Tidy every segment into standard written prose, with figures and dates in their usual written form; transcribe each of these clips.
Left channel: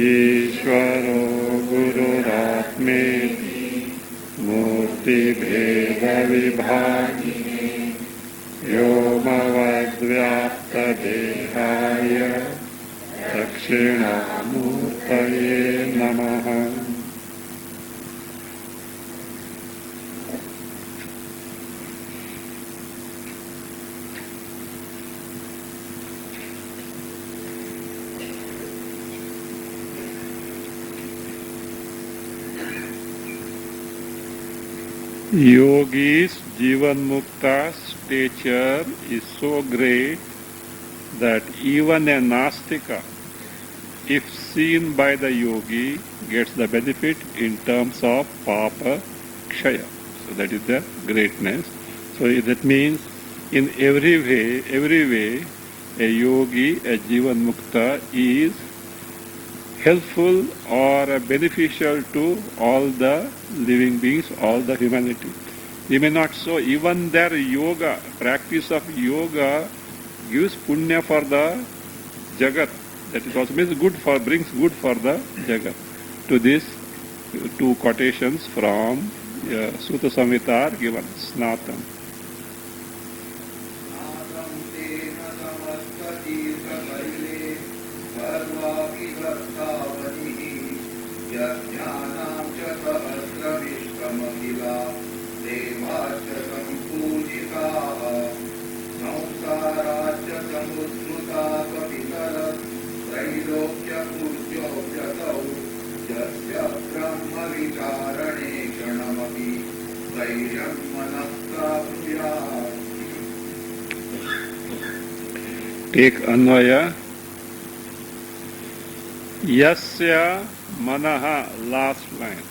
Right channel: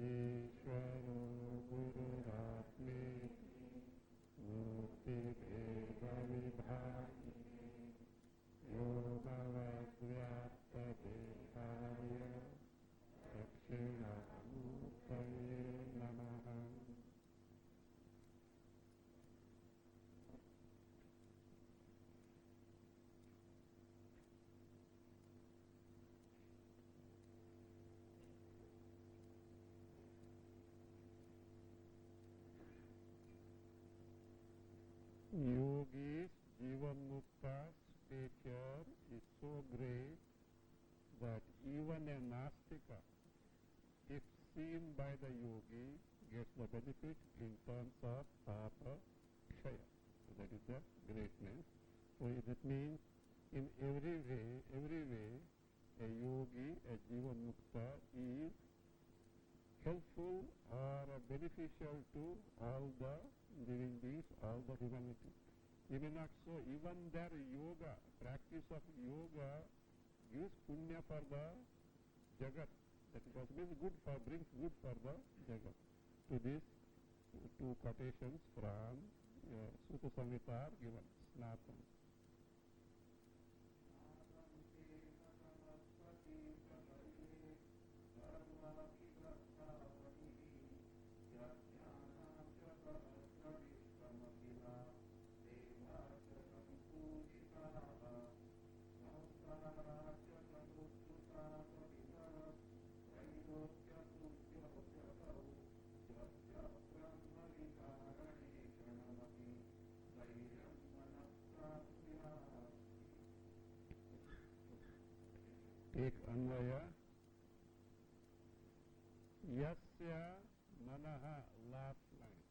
ईश्वरो गुरुरात्मेति मूर्तिभेदविभागिने व्योमवद्व्याप्तदेहाय दक्षिणामूर्तये नमः। Yogi's Jivanmukta stature is so great that even a Nastika, if seen by the yogi, gets the benefit in terms of Papa Kshaya. So that is the greatness. So that means in every way, a yogi, a Jivanmukta is helpful or beneficial to all the living beings, all the humanity. We may not so, even their yoga, practice of yoga gives punya for the jagat. That is also means good for, brings good for the jagat. To this, two quotations from Sutta Samhita are given. Snatan. Take Anvaya. Yasya manaha, last line.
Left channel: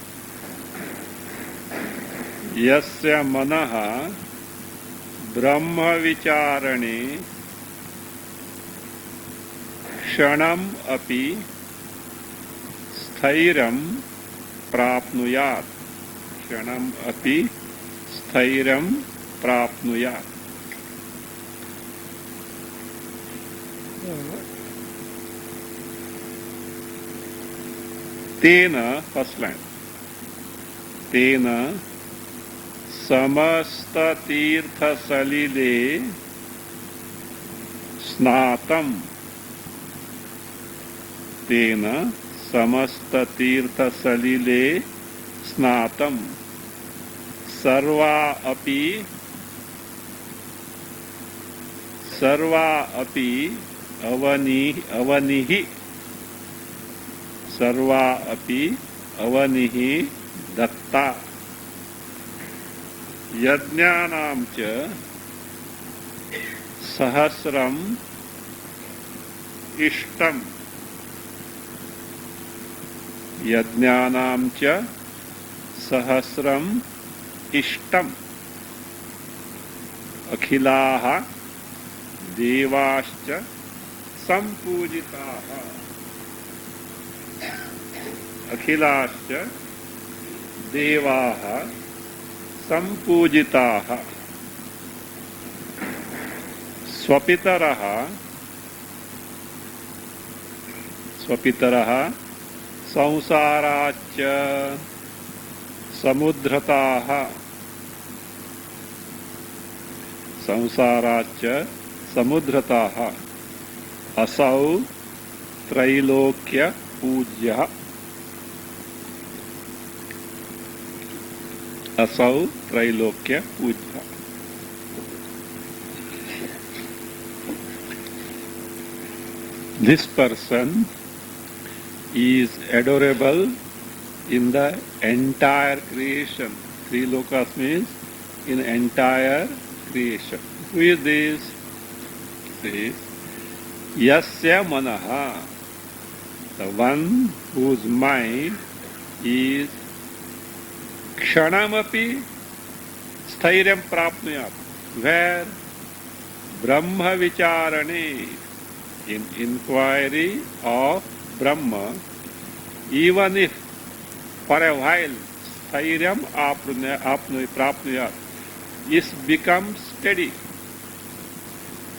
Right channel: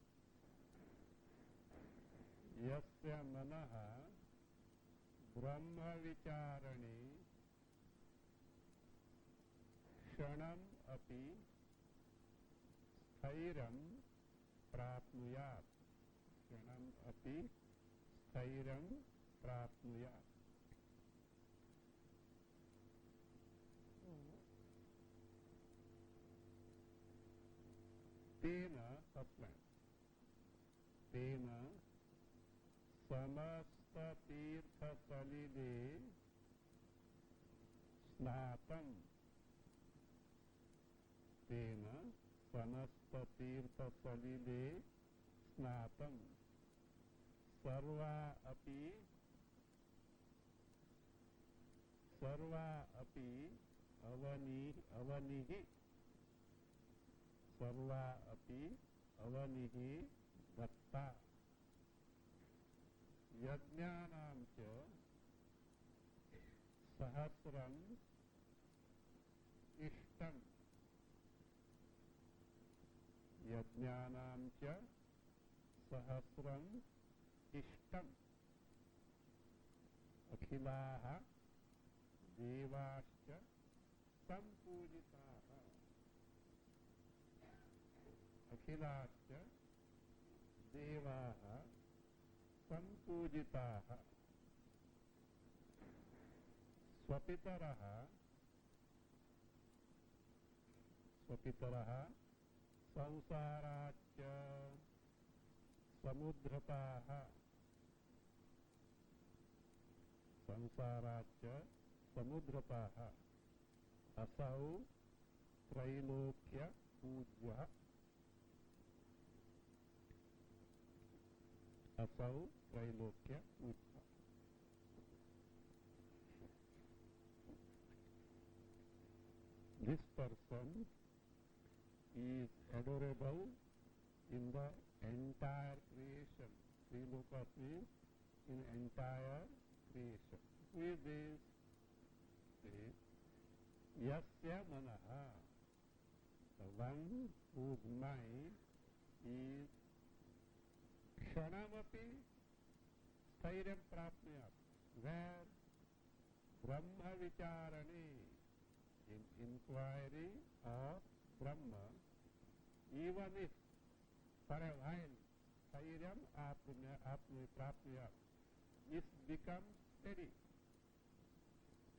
Yasya manaha brahma vicharane kshanam api sthairam prapnuyat. Kshanam api sthairam prapnuyat. Tena, first line. Tena samasta tirtha salile snatam. Tena samasta tirtha salile snatam. Sarva api avanihi sarva api avanihi datta yajnanam cha sahasram ishtam yajnanam cha sahasram ishtam akhilaha devascha sampujitaha akhilascha devaha sampujitaha swapitaraha samsaracha samudrataha asau trailokya pujya asau trailokya pujya. This person is adorable in the entire creation. Three lokas means in entire creation. Who is this? This Yasya Manaha, the one whose mind is Kshanamapi Stairyam Prapnuyat. Where? Brahma Vicharane. In inquiry of Brahma, even if for a while Stairyam Prapnuyat is become steady.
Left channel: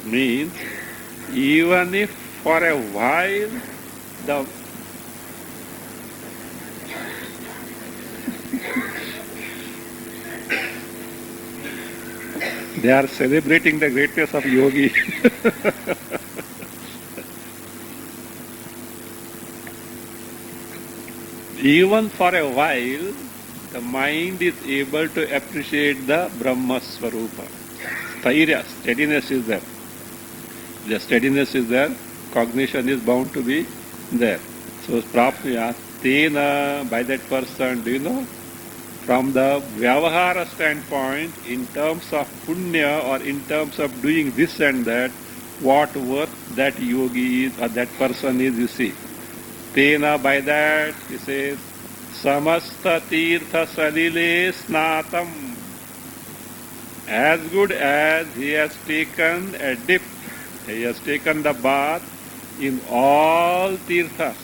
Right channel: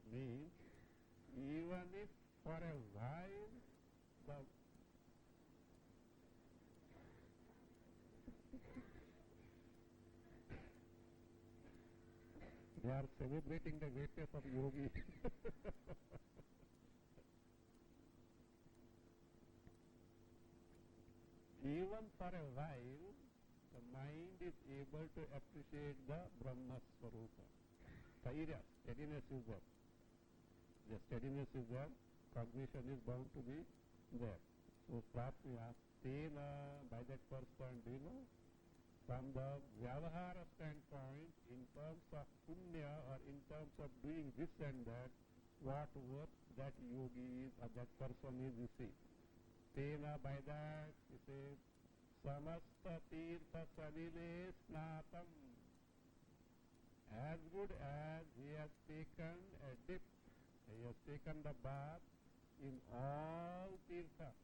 Means even if for a while the they are celebrating the greatness of yogi. Even for a while, the mind is able to appreciate the Brahma Swarupa. Stairya, steadiness is there. The steadiness is there, cognition is bound to be there. So, Prapnuya, Tena, by that person, do you know? From the Vyavahara standpoint, in terms of Punya or in terms of doing this and that, what worth that yogi is or that person is, you see. Tena, by that, he says, Samasta Tirtha Salile Snatam. As good as he has taken a dip, he has taken the bath in all tirthas.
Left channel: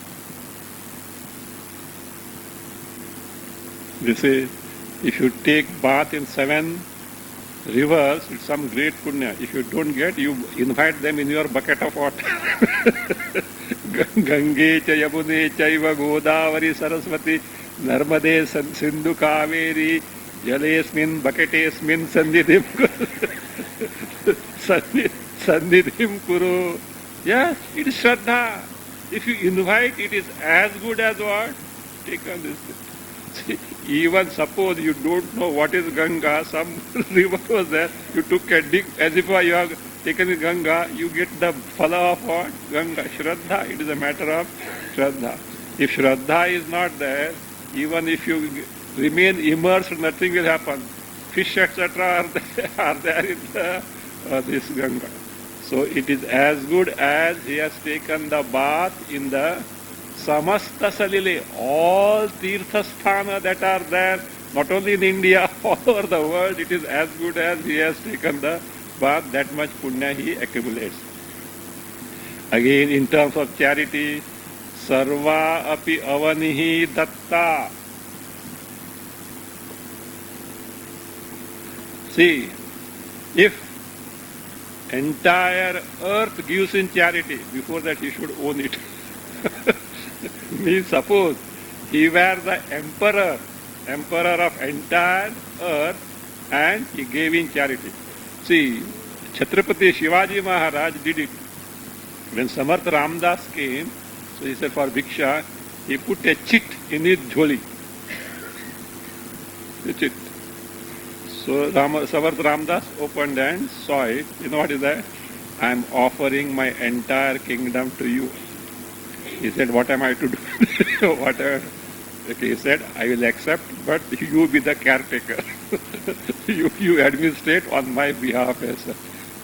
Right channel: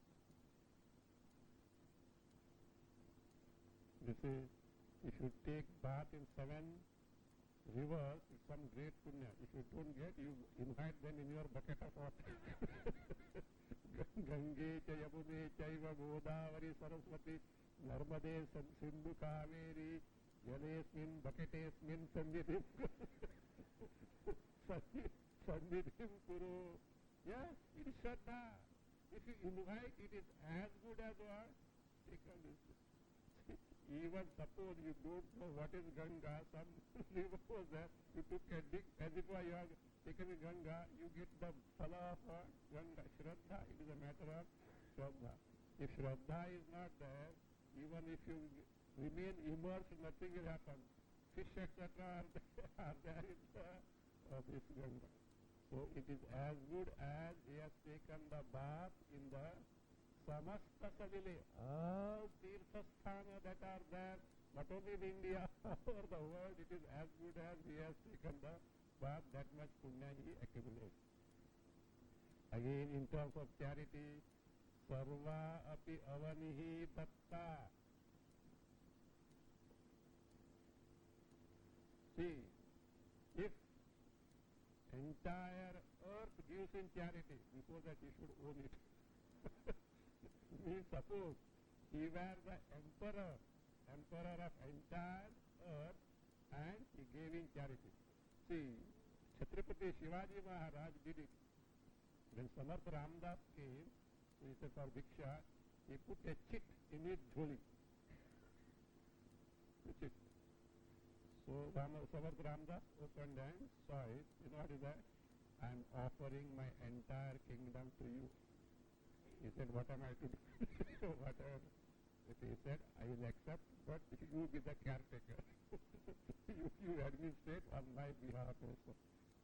This is, if you take bath in 7 rivers, it's some great punya. If you don't get, you invite them in your bucket of water. Gange cha Yamune chaiva Godavari Saraswati Narmade Sindhu Kaveri Jalesmin Bucketesmin Sandhidhim Sandhidhim Kuru. Yes, it is Shraddha. If you invite, it is as good as what? Take on this. See, even suppose you don't know what is Ganga, some river was there, you took a dig as if you have taken the Ganga, you get the phala of what? Ganga. Shraddha, it is a matter of Shraddha. If Shraddha is not there, even if you remain immersed, nothing will happen. Fish, etc. are there in this Ganga. So it is as good as he has taken the bath in the Samasta Salile, all Tirthasthana that are there, not only in India, all over the world, it is as good as he has taken the bath, that much punya he accumulates. Again, in terms of charity, Sarva api avanihi datta. See, if entire earth gives in charity, before that he should own it. Means suppose he were the emperor of entire earth and he gave in charity. See, Chhatrapati Shivaji Maharaj did it. When Samarth Ramdas came, so he said for Bhiksha, he put a chit in his jholi. A chit. So Samarth Ramdas opened and saw it. You know what is that? I am offering my entire kingdom to you. He said, what am I to do? Whatever. Okay, he said, I will accept, but you be the caretaker. you administrate on my behalf.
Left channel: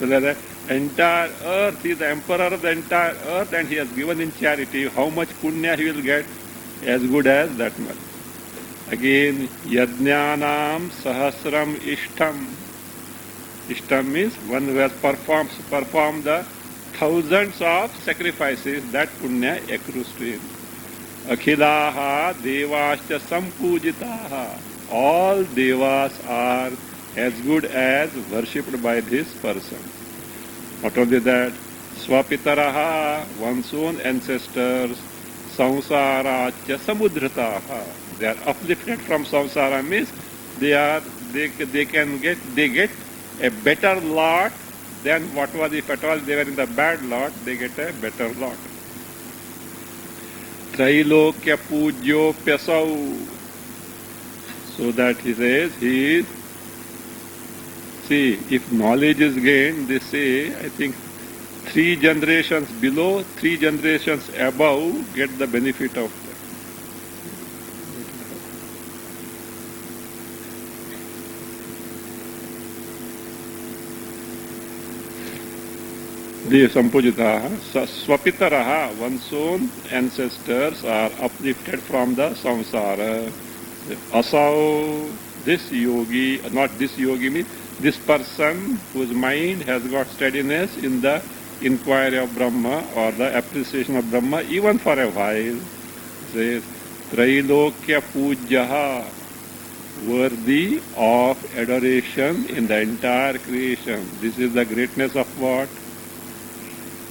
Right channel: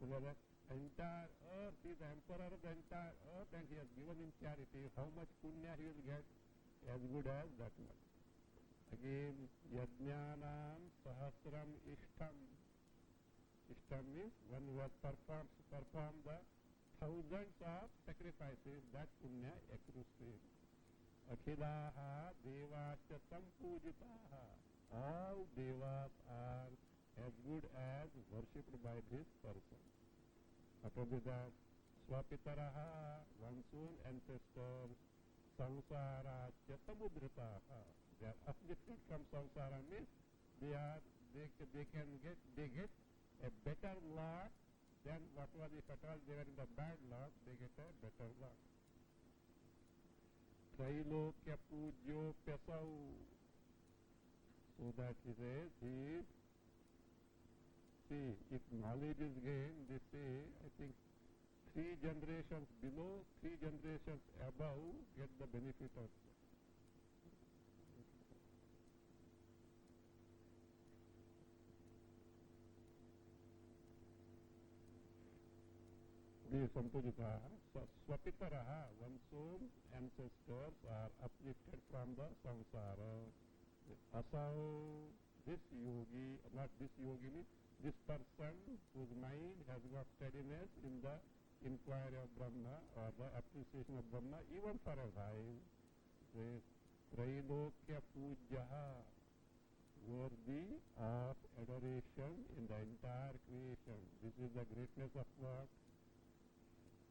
So that the entire earth, he is the emperor of the entire earth and he has given in charity. How much punya he will get? As good as that much. Again, yajnanam sahasram ishtam. Ishtam means one who has performed the thousands of sacrifices, that punya accrues to him. Akhilaha devascha sampujitaha. All devas are as good as worshipped by this person. Not only that, swapitaraha, one's own ancestors, samsaracha samudhrataha. They are uplifted from samsara, means they get a better lot than what was, if at all they were in the bad lot, they get a better lot. Trailokya pujyo pyasau. So that he says, he is, see, if knowledge is gained, they say, I think 3 generations below, 3 generations above get the benefit of that. The Sampujitaha, Swapitaraha, one's own ancestors are uplifted from the samsara. Asau this yogi, not this yogi means this person whose mind has got steadiness in the inquiry of Brahma or the appreciation of Brahma even for a while, says Trailokya Pujaha, worthy of adoration in the entire creation. This is the greatness of what?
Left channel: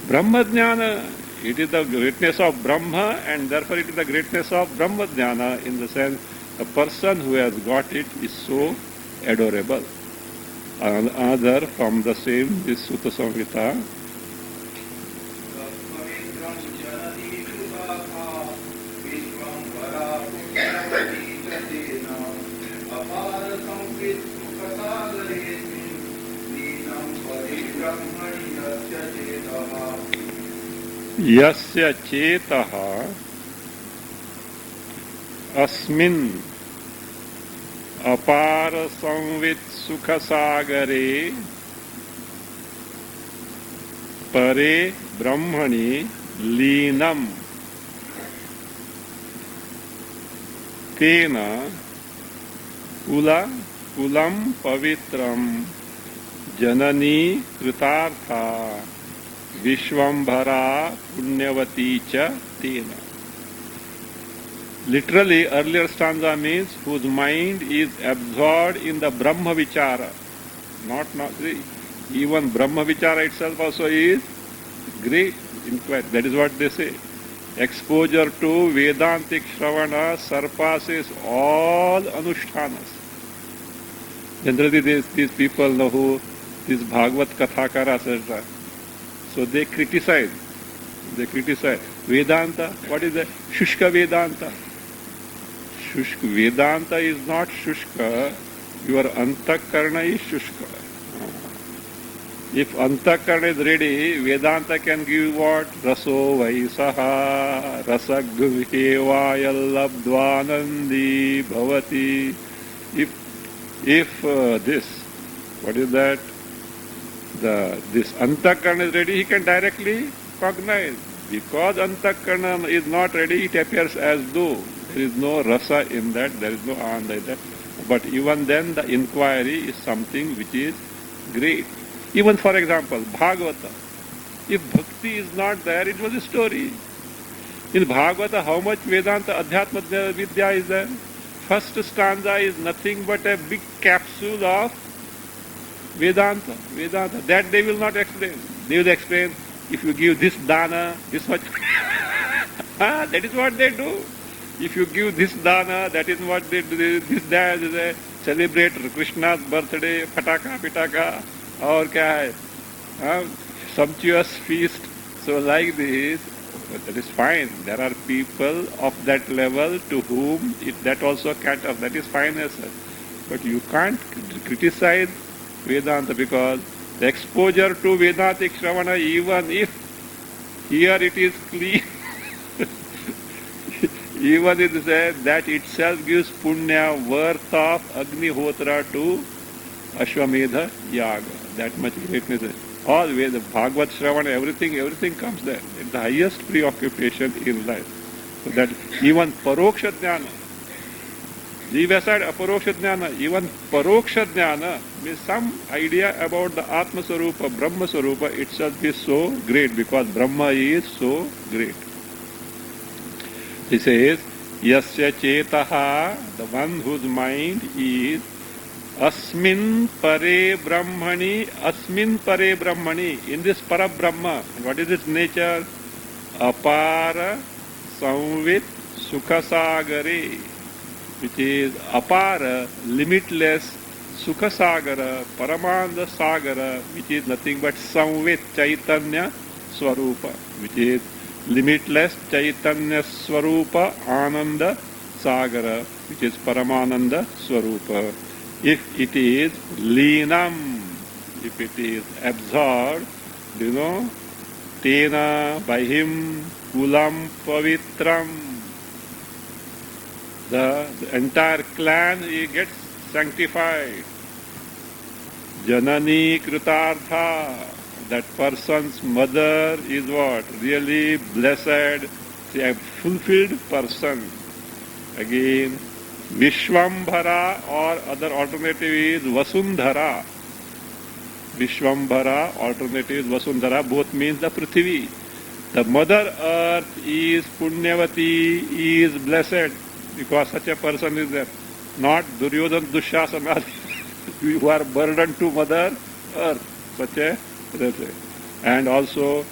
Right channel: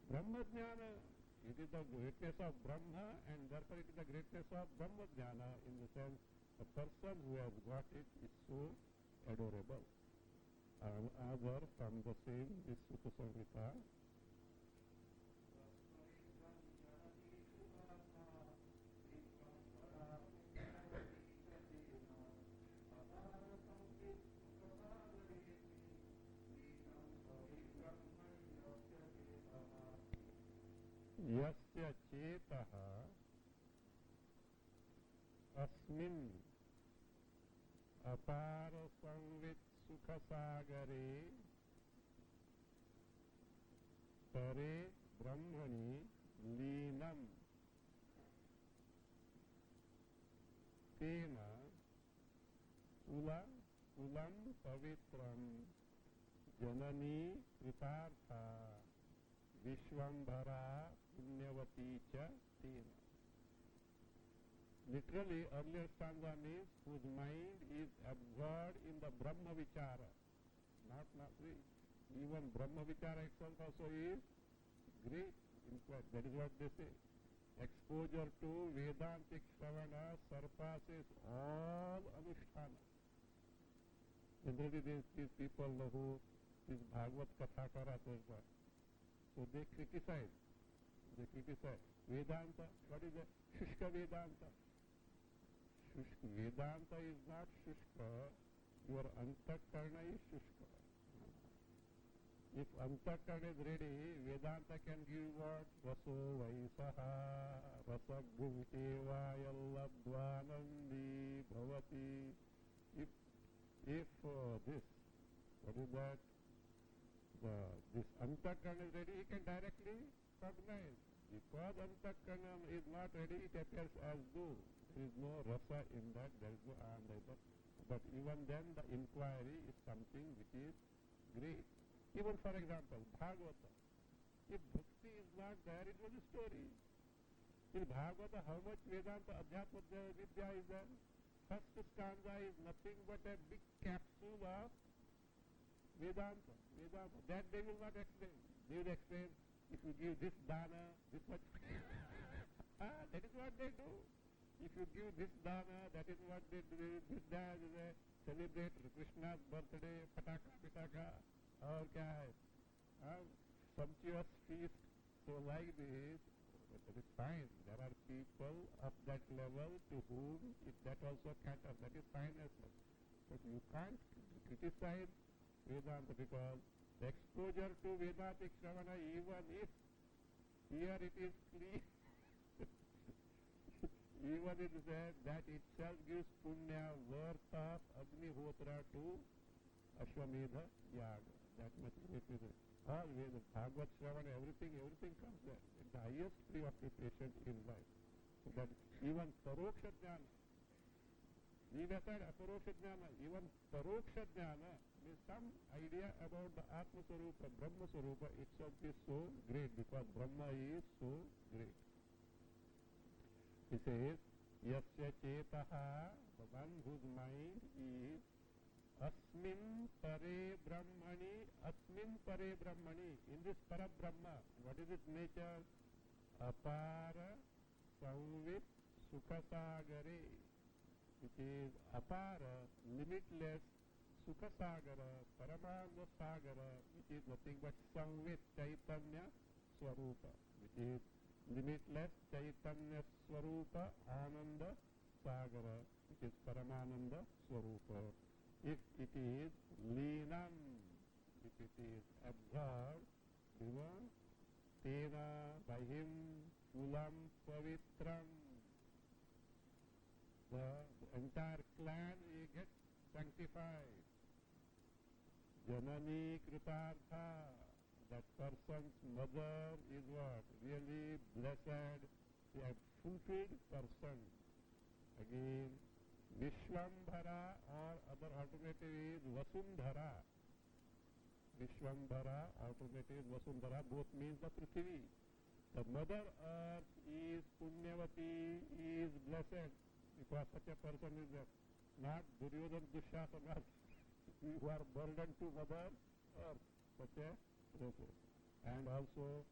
Brahma Jnana. It is the greatness of Brahma, and therefore it is the greatness of Brahma Jnana, in the sense the person who has got it is so adorable. Another from the same, this Sutta Samhita. Yasya chetaha अस्मिन् अपार संवित सुख सागरे परे ब्रह्मणि लीनम तेन coulomb पवित्रम जननी कृतार्था विश्वंभरा पुण्यवती च तेन. Literally, earlier stanza means whose mind is absorbed in the Brahma Vichara. Not even Brahma Vichara itself also is great inquiry. That is what they say. Exposure to Vedantic Shravana surpasses all Anushtanas. Generally, these people know who these Bhagavad Kathakara, etc. So they criticize. Vedanta. What is that? Shushka Vedanta. Shushka Vedanta is not Shushka. Your Antakarna is Shushka. If Antakarna is ready, Vedanta can give what? Raso Vaisaha Rasagvihevayallabdvanandi Bhavati. If this, what is that? This Antakarna is ready, he can directly cognize. Because Antakarna is not ready, it appears as though there is no rasa in that, there is no ananda in that. But even then, the inquiry is something which is great. Even for example, Bhagavata. If bhakti is not there, it was a story. In Bhagavata, how much Vedanta, Adhyatma Vidya is there? First stanza is nothing but a big capsule of Vedanta. That they will not explain. They will explain, if you give this dana, this much. That is what they do. If you give this dana, that is what they do. This day they celebrate Krishna's birthday, pataka, or kya hai? Sumptuous feast. So like this, that is fine. There are people of that level to whom that also caters. That is fine as such. But you can't criticize Vedanta because the exposure to Vedantic Shravana, even if here it is clean, even it is said that itself gives punya worth of Agnihotra to Ashwamedha Yaga. That much greatness. All Veda, Bhagavad Shravana, everything comes there. It's the highest preoccupation in life. So that even Paroksha Jnana, leave aside Aparoksha Jnana, even Paroksha Jnana means some idea about the Atma Sarupa, Brahma Sarupa itself is so great because Brahma is so great. He says, Yasya Chetaha, the one whose mind is Asmin Pare Brahmani, in this Para Brahma. And what is its nature? Apara Samvit Sukhasagare, which is Apara, limitless, Sukhasagara, Paramanda Sagara, which is nothing but Samvit Chaitanya Swarupa, which is limitless Chaitanya Swarupa Ananda Sagara, which is Paramananda Swarupa. If it is Leenam, if it is absorbed, Tena, by him, Kulam Pavitram, the entire clan gets sanctified. Janani Kritartha, that person's mother is what? Really blessed, a fulfilled person. Again, Vishwambhara or other alternative is Vasundhara. Vishwambhara, alternative is Vasundhara, both means the Prithvi. The Mother Earth is Punyavati, is blessed, because such a person is there. Not Duryodhana, Dushasana, who are burdened to Mother Earth, such a person. And also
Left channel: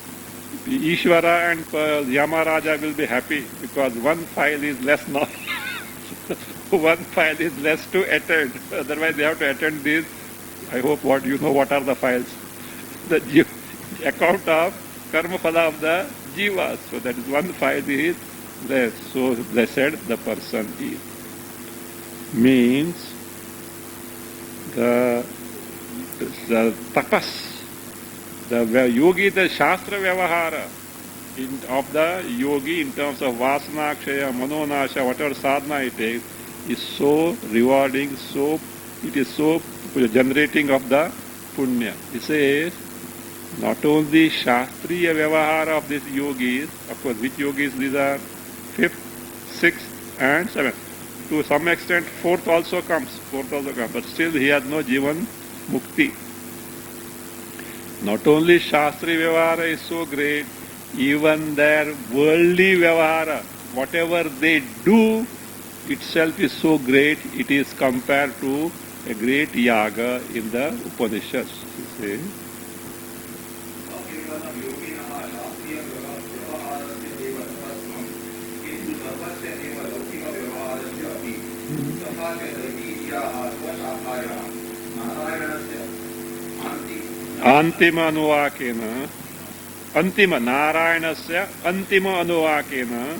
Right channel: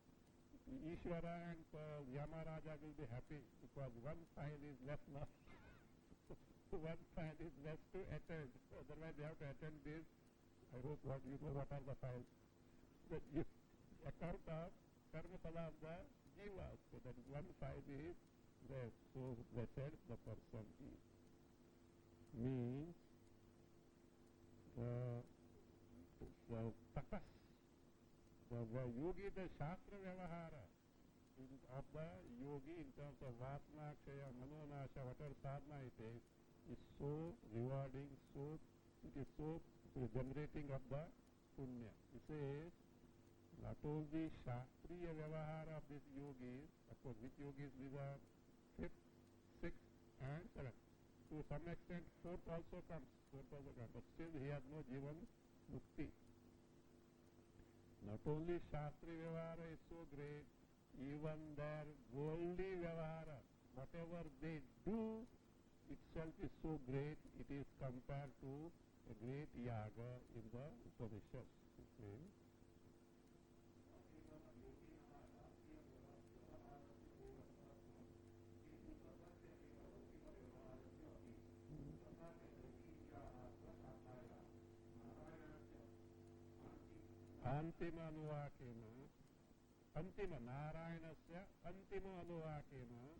Ishvara and Yamaraja will be happy, because one file is less now. One file is less to attend. Otherwise they have to attend these. I hope what you know what are the files. The account of karma phala of the jivas. So that is one file is less. So blessed the person is. Means the tapas, the yogi, the shastra vyavahara of the yogi in terms of vasana, kshaya, manonasha, whatever sadhana it is so rewarding, it is so generating of the punya. It says, not only shastriya vyavahara of these yogis, of course, which yogis these are? 5th, 6th and 7th. To some extent, 4th also comes, but still he has no jivan mukti. Not only shastri vyavahara is so great, even their worldly vyavahara, whatever they do, itself is so great, it is compared to a great yaga in the Upanishads. You see? Antima anuvakena, antima Narayanasya, antima anuvakena.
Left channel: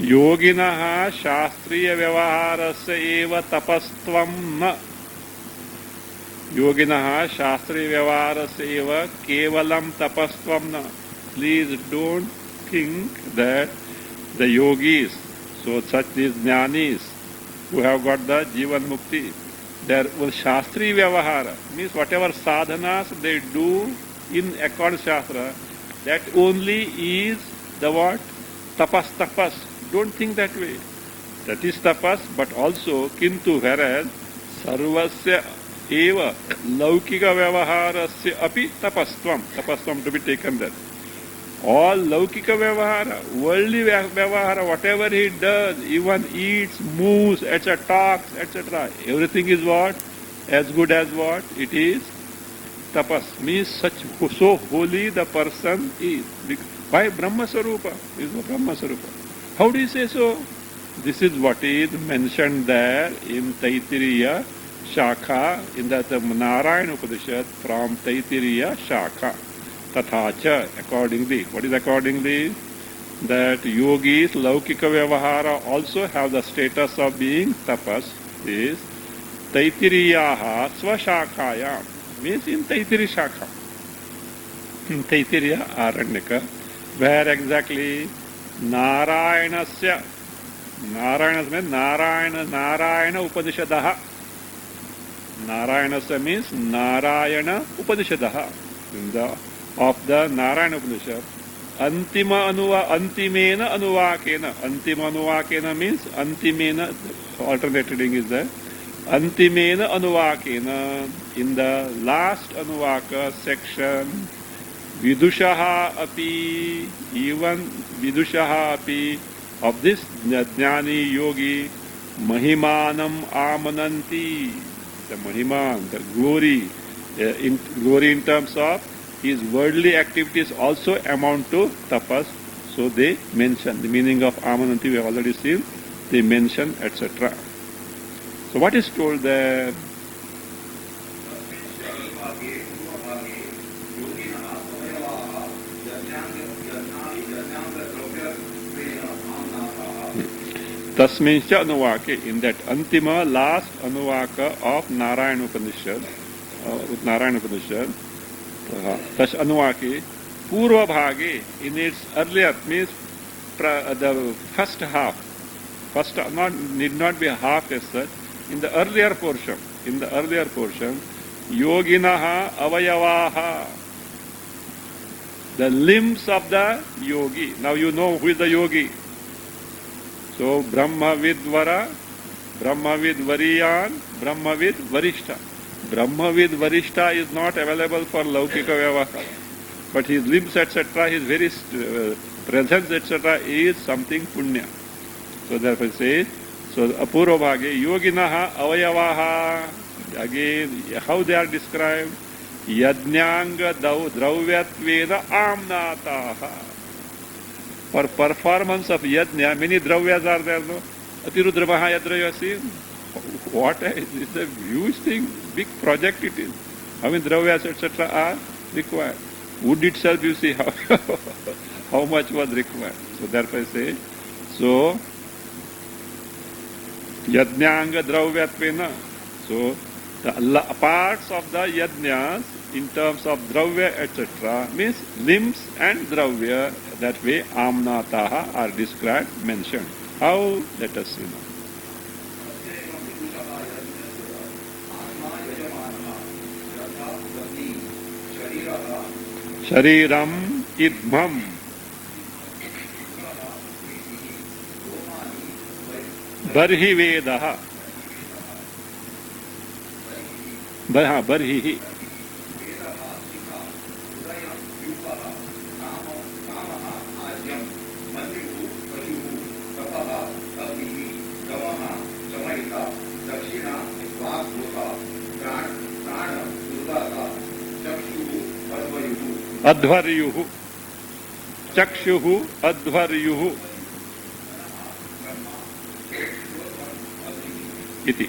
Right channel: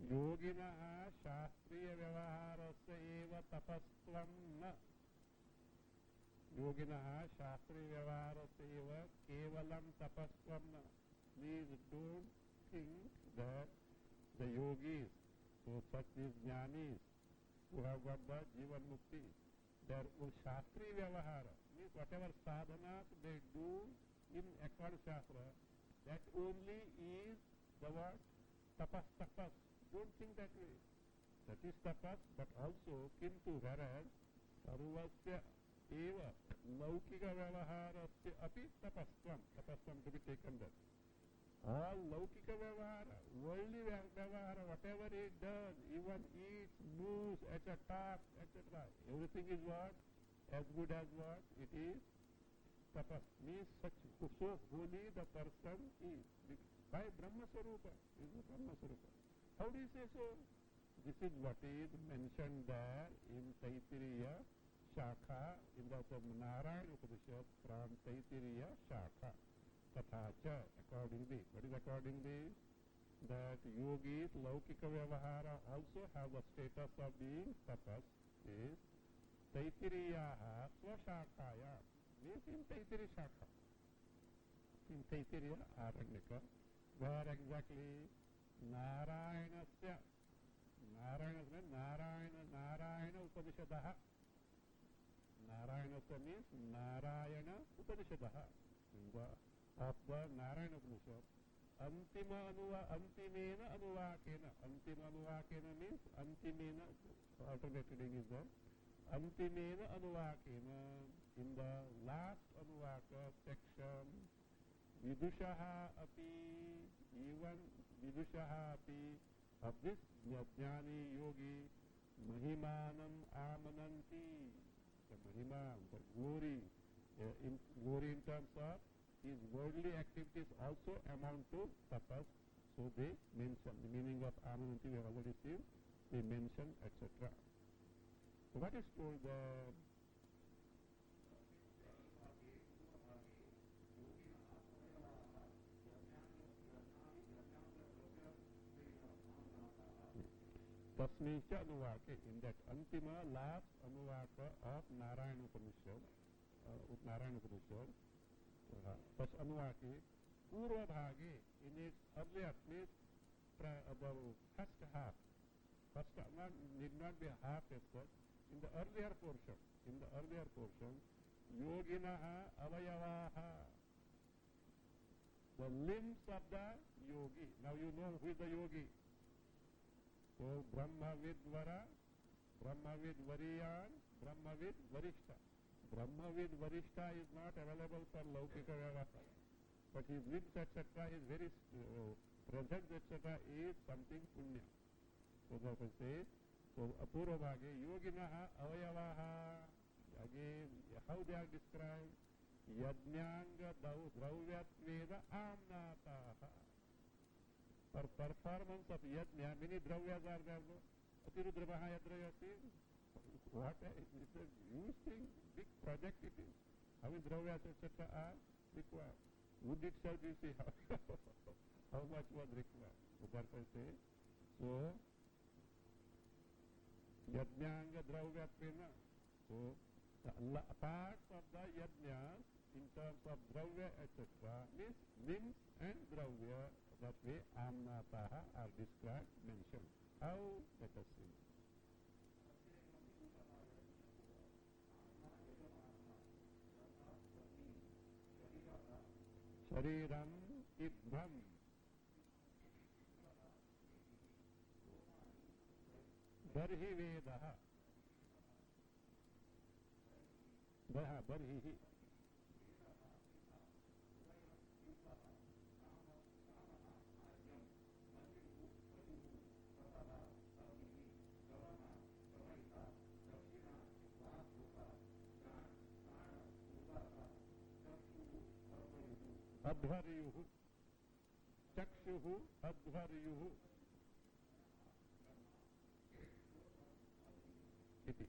Yoginah shastriya vyavaharasya eva tapastvam na. Yoginah shastriya vyavaharasya eva kevalam tapastvam na. Please don't think that the yogis, so such these jnanis who have got the jivan mukti, their shastri vyavahara means whatever sadhanas they do in accordance shastra, that only is the what? Tapas. Don't think that way. That is tapas, but also kintu, whereas sarvasya eva laukika vyavaharasya api tapastvam to be taken there. All laukika vyavahara, worldly vyavahara, whatever he does, even eats, moves, etc., talks, etc., everything is what? As good as what? It is tapas. Means so holy the person is. By Brahma Sarupa, is the Brahma Sarupa. How do you say so? This is what is mentioned there in Taittiriya Shakha, in the Narayana Upanishad from Taittiriya Shakha. Tathacha, accordingly. What is accordingly? That yogis, laukika vyavahara also have the status of being tapas, is Taittiriyaha Svashakhaya, means in Taittiriya Shakha. In Taittiriya Aranyaka, where exactly Narayanasya, Narayanas means Narayana Upanishadaha. Narayanasya means Narayana Upanishadaha. In the of the Narayana Upanishad, antimena anuvakena. Antima anuvakena means antimena, alternate reading is there. Antimena anuvakena, in the last anuvaka section, vidushaha api, even vidushaha api, of this jnani yogi, mahimanam amananti, the mahiman, the glory, glory in terms of his worldly activities also amount to tapas. So they mention the meaning of amananti, we have already seen, they mention, etc. So what is told there? Tasmincha Anuvake, in that Antima, last Anuvaka of Narayana Upanishad, Tash Anuvake, Purva Bhage, in its earlier, means the first half, need not be a half as such, in the earlier portion, Yoginaha Avayavaha, The limbs of the yogi. Now you know who is the yogi. So Brahmavid Vara, Brahmavid Variyan, Brahmavid Varishta. Brahmavid Varishta is not available for Laukika Vyavaha. But his limbs, etc., his very presence, etc., is something punya. So therefore it says, so Apurva Bhage, Yoginaha Avayavaha. Again, how they are described? Yajnanga Drauvyatvedha Amnataha. For performance of yajna, many dravyas are there, no? Atirudra Mahayadra, you have seen? What it's a huge thing, big project it is. How many dravyas, etc. are required? Wood itself, you see how much was required. So therefore I say, so yajnanga dravyatvedha. So the parts of the yajnas in terms of dravya, etc., means limbs and dravya, that way amnataha are described, mentioned. How? Let us see now. Shariram idmam. Barhi vedaha. Barhi. Advaryuhu. Chakshuhu advaryuhu. Iti.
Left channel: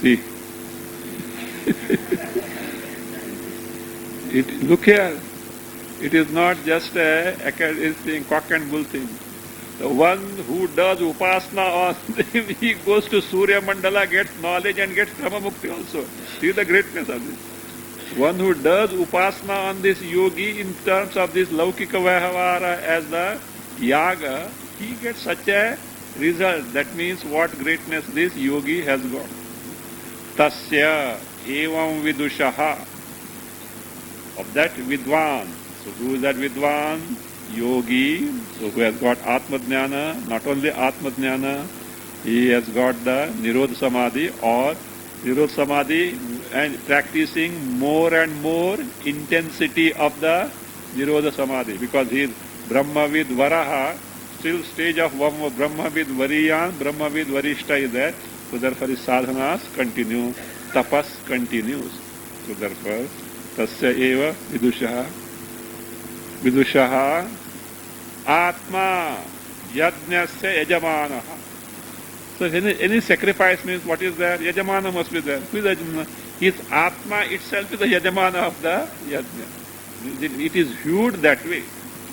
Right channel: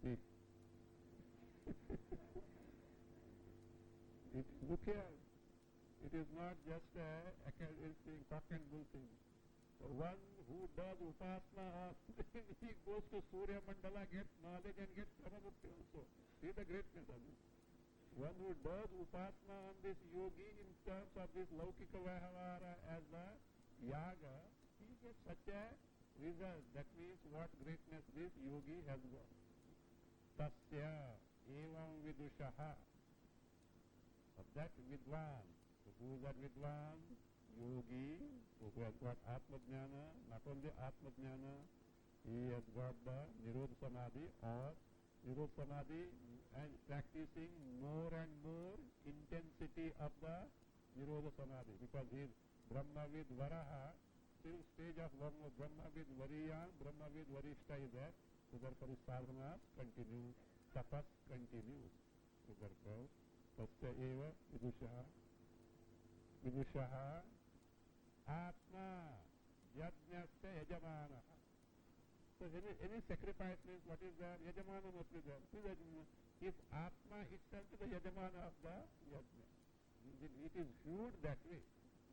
See. Look here. It is not just a thing, cock and bull thing. The one who does upasana on him, he goes to Surya Mandala, gets knowledge and gets Brahma Mukti also. See the greatness of this. One who does upasana on this yogi in terms of this Laukika Vyavahara as the yaga, he gets such a result. That means what greatness this yogi has got. Tasya evam vidushaha. Of that vidwan. So who is that vidwan? Yogi. So who has got Atma Jnana, not only Atma Jnana, he has got the Nirodha Samadhi or Nirodha Samadhi and practicing more and more intensity of the Nirodha Samadhi, because he is Brahmavid Varaha, still stage of Brahmavid Variyan, Brahmavid Varishta is there. So therefore his sadhanas continue, tapas continues. So therefore, tasya eva vidushaha atma yajnasya yajamanaha. So any sacrifice means what is there? Yajamana must be there. Who is Yajamana? His Atma itself is the Yajamana of the Yajna. It is viewed that way.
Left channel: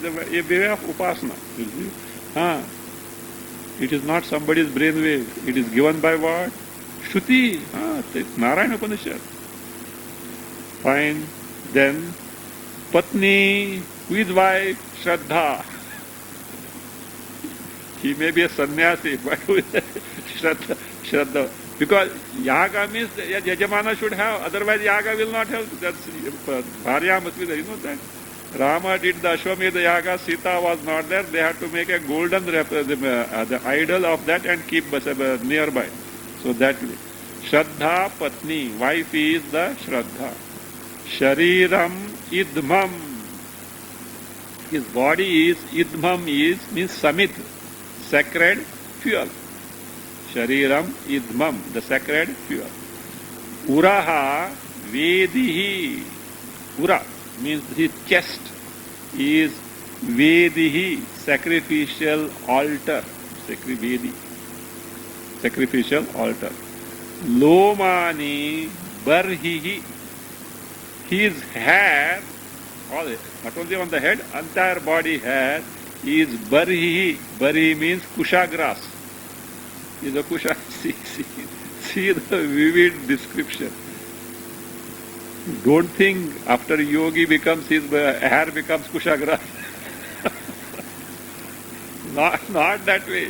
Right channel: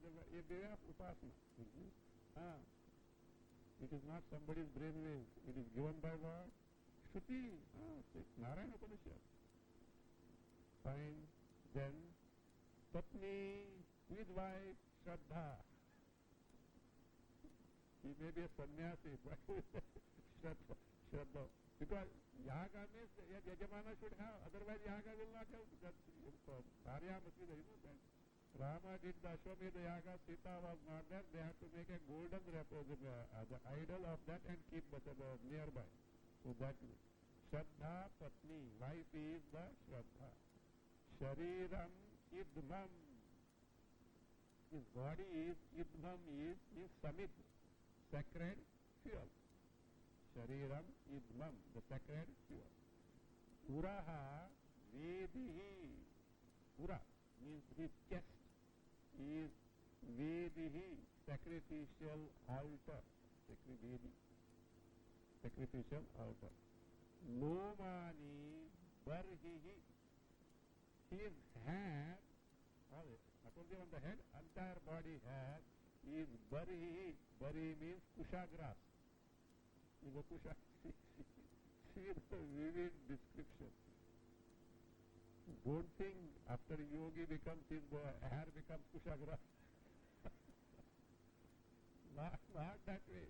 A way of Upasana. It is not somebody's brainwave. It is given by what? Shruti. Narayana Upanishad. Fine. Then Patni, who is wife? Shraddha. He may be a sannyasi, but Shraddha. Because yaga means Yajamana should have, otherwise yaga will not have. That's Bharya must be there, you know that. Rama did the Ashwamedha yaga, Sita was not there. They had to make a golden the idol of that and keep nearby. So that way. Shraddha Patni, wife is the Shraddha. Shariram Idmam. His body is, Idmam means Samit. Sacred fuel. Shariram idmam, the sacred fuel. Uraha vedihi. Ura means his chest is vedihi, sacrificial altar. Sacrificial altar. Lomani barhihi. His hair, not only on the head, entire body hair is barhi. Barhi means kusha grass. Is a kusha. See the vivid description. Don't think after yogi becomes his hair becomes kusha grass. not that way.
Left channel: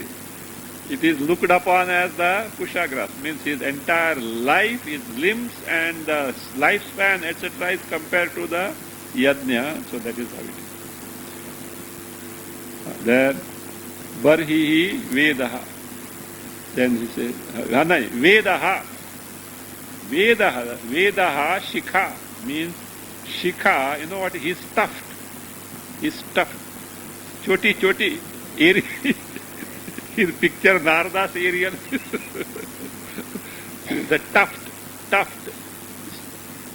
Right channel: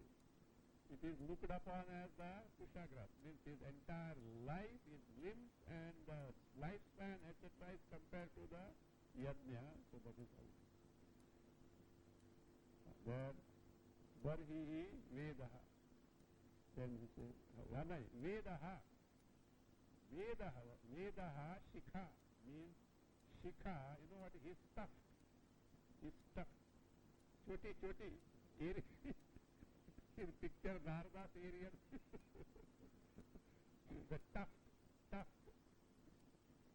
It is looked upon as the kusha grass. Means his entire life, his limbs and the lifespan, etc. is compared to the yajna, so that is how it is. Then barhihi vedaha. Then he says, vedaha. Vedaha shikha means shikha, you know what? He's stuffed. He's stuffed. Choti, Ariel. His picture Narada's Ariel. The tuft. I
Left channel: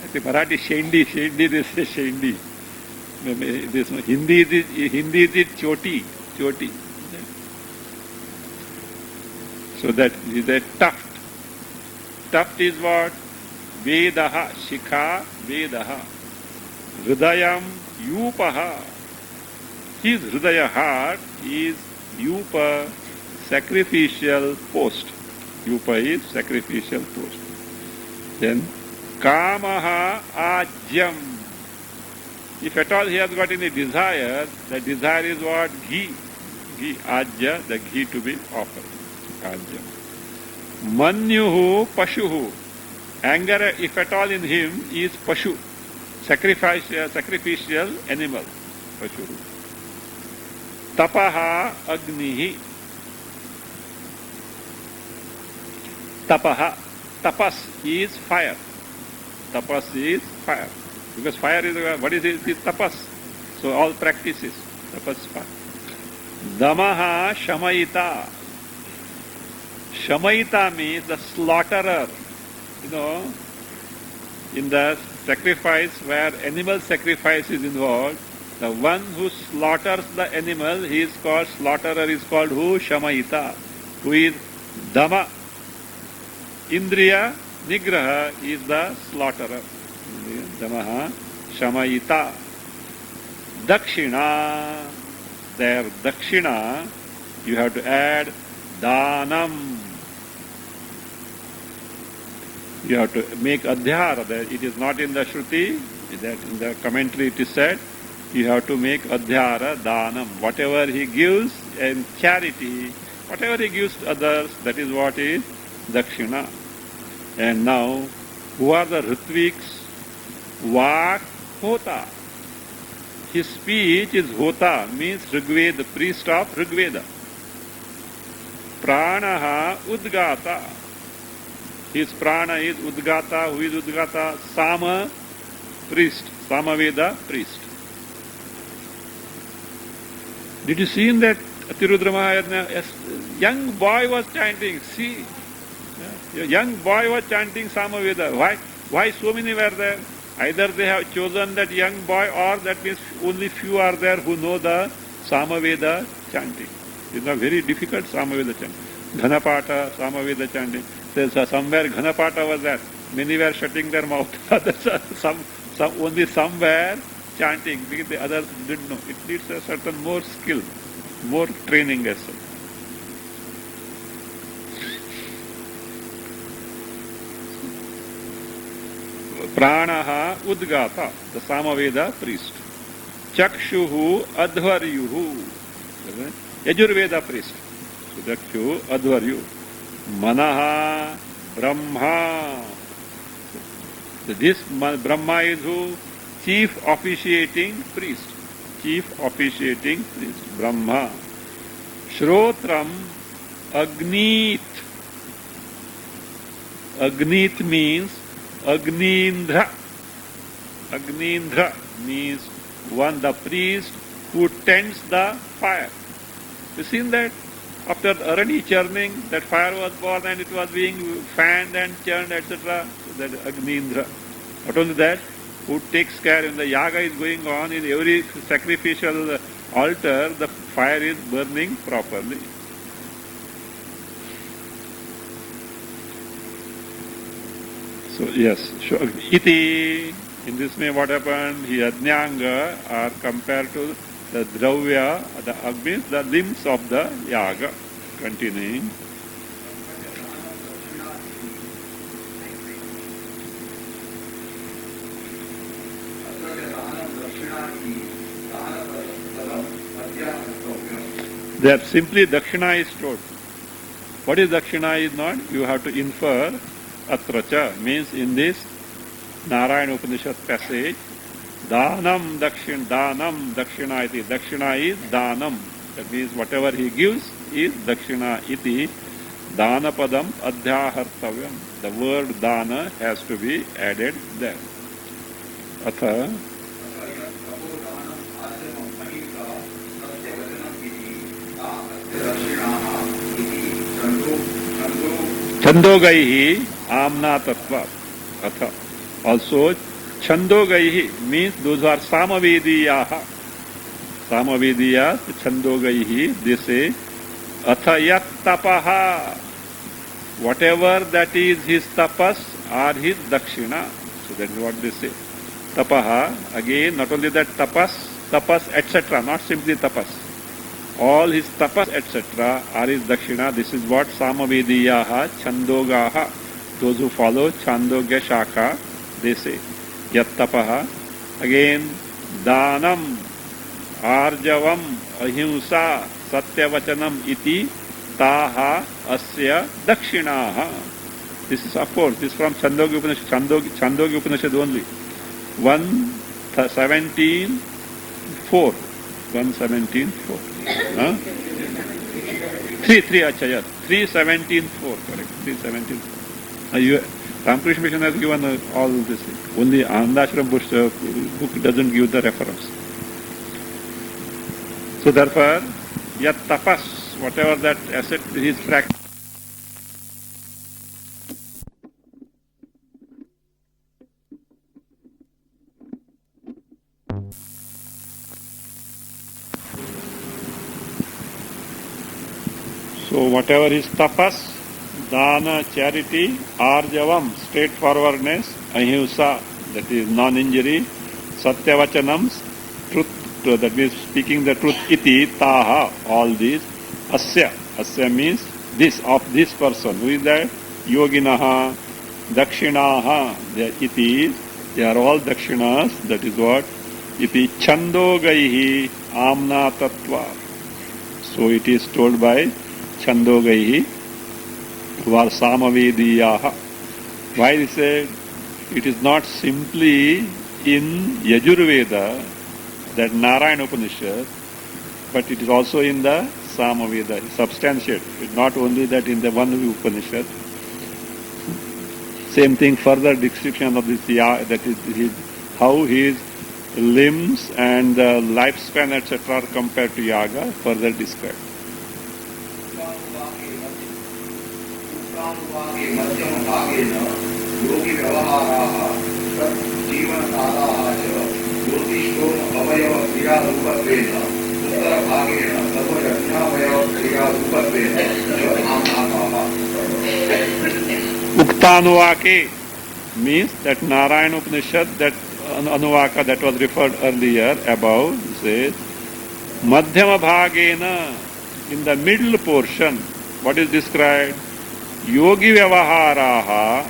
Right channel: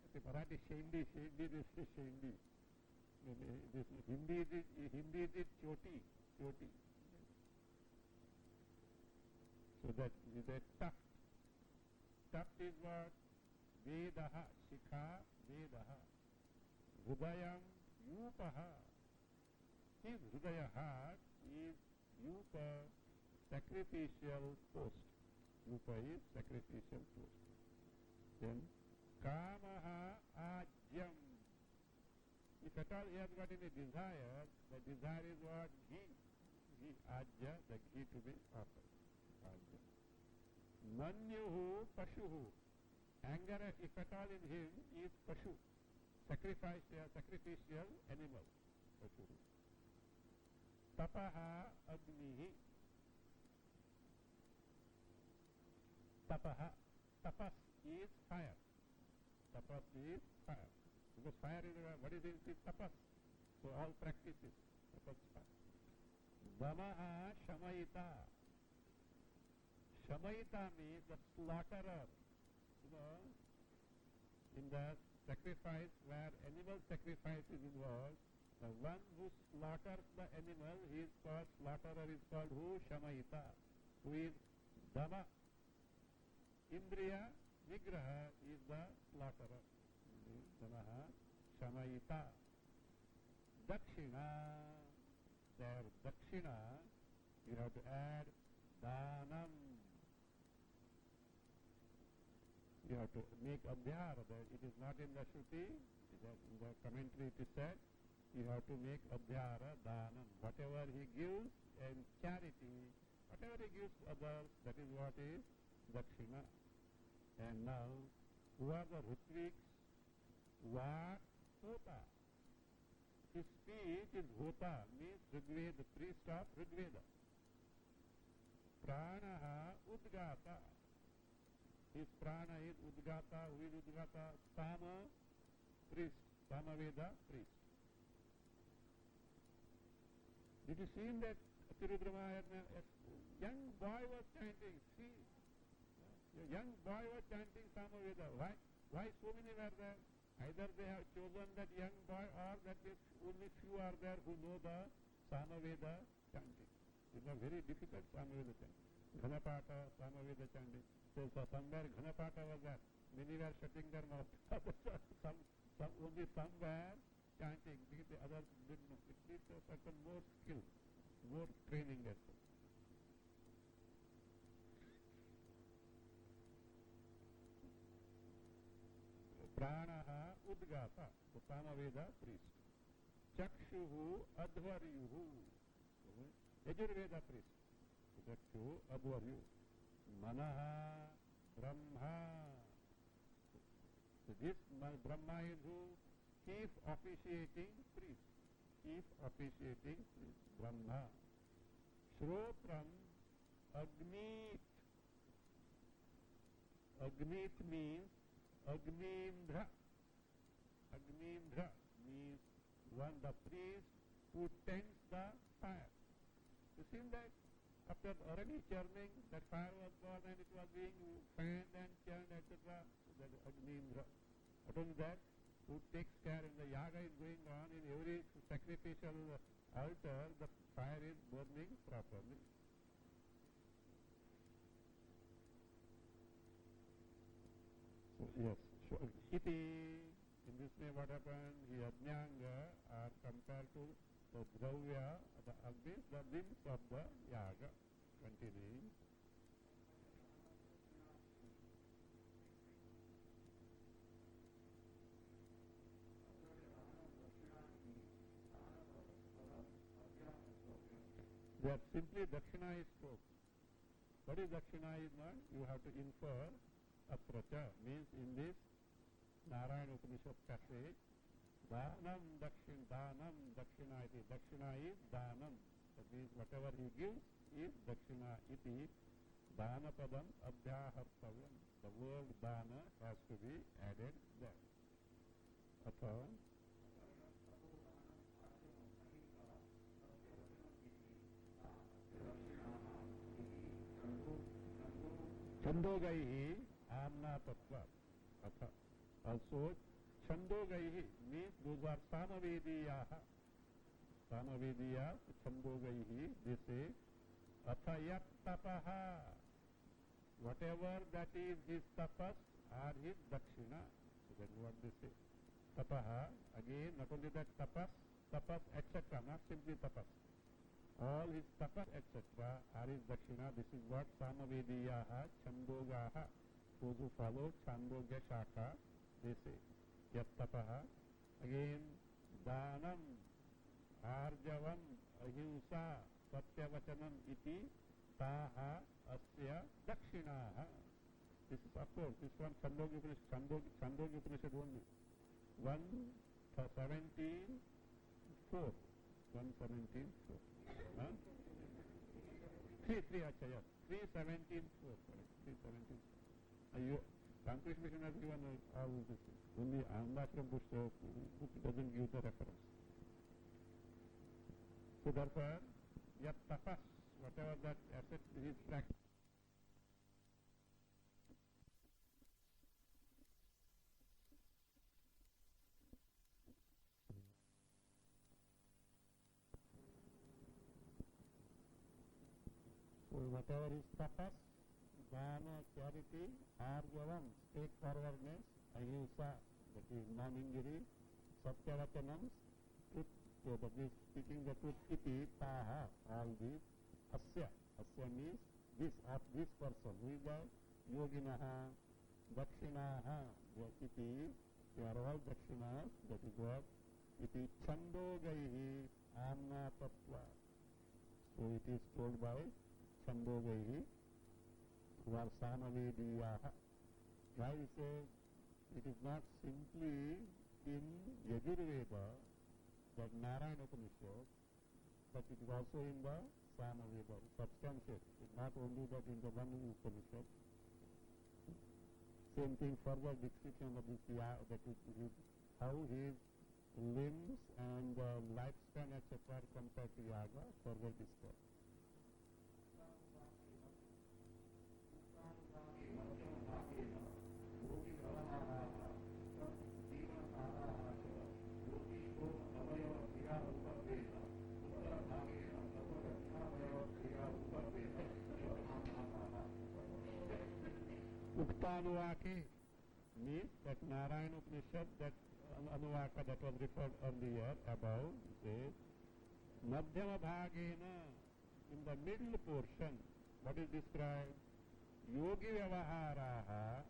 think Marathi shendi, they say shendi. This Hindi is choti. So that is a tuft. Tuft is what? Vedaha, shikha, Vedaha. Hridayam, yupaha. His hridaya heart is yupa, sacrificial post. Yupa is sacrificial post. Then kamaha ajyam. If at all he has got any desire, the desire is what? Ghee. Ajya, the ghee to be offered. Ajya. Manyuhu pashuhu. Anger, if at all in him, is pashu. Sacrificial animal. Pashuhu. Tapaha agnihi. Tapas is fire. Tapas is fire. Because fire is, what is it? It is tapas. So all practices. Tapas is fire. Damaha shamayita. Shamayita means the slaughterer. You know, in the sacrifice where animal sacrifice is involved, the one who slaughters the animal, he is called, slaughterer is called who? Shamayita. Who is Dama. Indriya Nigraha is the slaughterer. Damaha Shamayita. Dakshina. There, Dakshina, you have to add Danam. You have to make Adhyara. It is not in the Shruti, that in the commentary it is said, you have to make Adhyara, Danam. Whatever he gives in charity, whatever he gives to others, that is what is Dakshina. And now, who are the Ritviks? Vak Hota. His speech is Hota, means Rigveda, the priest of Rigveda. Pranaha Udgata. His prana is Udgata. Who is Udgata? Sama priest. Samaveda priest. Did you see in that Tirudra Mahayana? A young boy was chanting. See, a young boy was chanting Samaveda. Why so many were there? Either they have chosen that young boy, or that means only few are there who know the Samaveda chanting. It's a very difficult Samaveda chanting. Ghanapata, Samaveda chanting. There's somewhere Ghanapata was there. Many were shutting their mouth. Only some were chanting, because the others didn't know. It needs a certain more skill, more training as such. Pranaha Udgata, the Samaveda priest. Chakshuhu Adhvaryuhu, Yajurveda priest. So Chakshu Adhvaryu. Manaha Brahma. So this Brahma is who? Chief officiating priest. Brahma. Shrotram Agnit. Agnit means Agnindra. Agnindra means one, the priest who tends the fire. You seen that? After Arani churning, that fire was born and it was being fanned and churned, etc. That Agnindra. Not only that, who takes care when the yaga is going on, in every sacrificial altar, the fire is burning properly. So yes, iti, in this way what happened, he Ajnanga are compared to the Dravya, the Agnis, the limbs of the Yaga. Continuing. There simply Dakshina is told. What is Dakshina is not? You have to infer. Atracha means in this Narayana Upanishad passage, Danam dakshina iti. Dakshina is danam. That means whatever he gives is dakshina iti. Danapadam adhyahartavyam. The word dana has to be added there. Atha Chandogaihi amna tattva. Atha. Also, Chandogaihi means those who are Samavediyaha. Samavediyas, Chandogaihi, they say, Atha yat tapaha. Whatever that is his tapas or his dakshina. So that is what they say. Tapaha, again, not only that tapas, etc., not simply tapas. All his tapas, etc., are his dakshina. This is what Samavediyaha, Chandogaha, those who follow Chandogya Shaka, they say. Yat tapaha. Again, Danam, Arjavam, Ahimsa, Satyavachanam iti, Taha, Asya, Dakshinaha. This is, of course, this is from Chandogya Upanishad, Chandogya Upanishad only. 117.4. 117.4. Huh? 3, acha, yes. 317.4, correct. 317.4. Ramakrishna Mission has given all this. Only Anandashram book doesn't give the reference. So therefore, yat tapas, whatever that asset is practiced. So whatever is tapas, dana, charity, arjavam, straightforwardness, ahimsa, that is non-injury, satyavachanam, truth, that means speaking the truth, iti, taha, all these, asya means this, of this person. Who is that? Yoginaha, dakshinaha, iti, they are all dakshinas, that is what? Iti chandogaihi amna tattva. So it is told by Chandogaihi, who are Samavediyaha. Why is it? It is not simply in Yajurveda, that Narayana Upanishad, but it is also in the Samaveda, substantiate. It's not only that in the one Upanishad. Same thing, further description of this, that is how his limbs and lifespan, etc. are compared to Yaga, further described. Uktanuvake means that Narayana Upanishad, that Anuvaka that was referred earlier above, says Madhyama Bhagena, in the middle portion, what is described? Yogi Vyavaharaha,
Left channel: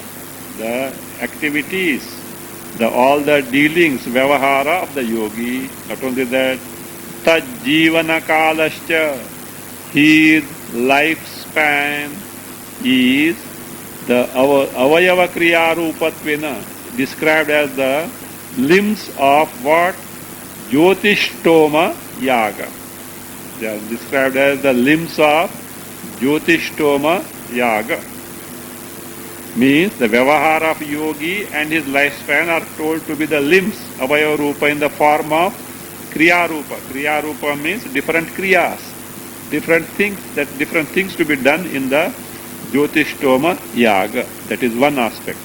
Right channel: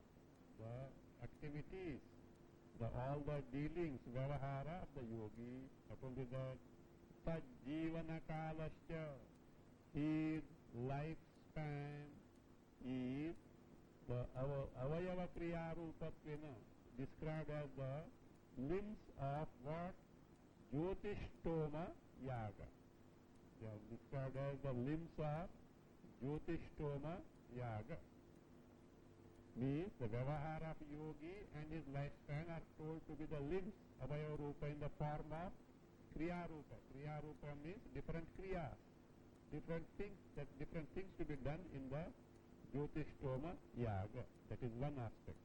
the activities, all the dealings, Vyavahara of the yogi, not only that, Tajjivana Kalascha, his lifespan is the Avayava Kriya Rupatvena, described as the limbs of what? Jyotishtoma Yaga. They are described as the limbs of Jyotishtoma Yaga. Means the Vyavahara of yogi and his lifespan are told to be the limbs, Avayava Rupa, in the form of Kriya Rupa. Kriya Rupa means different Kriyas, different things to be done in the Jyotishtoma Yaga. That is one aspect.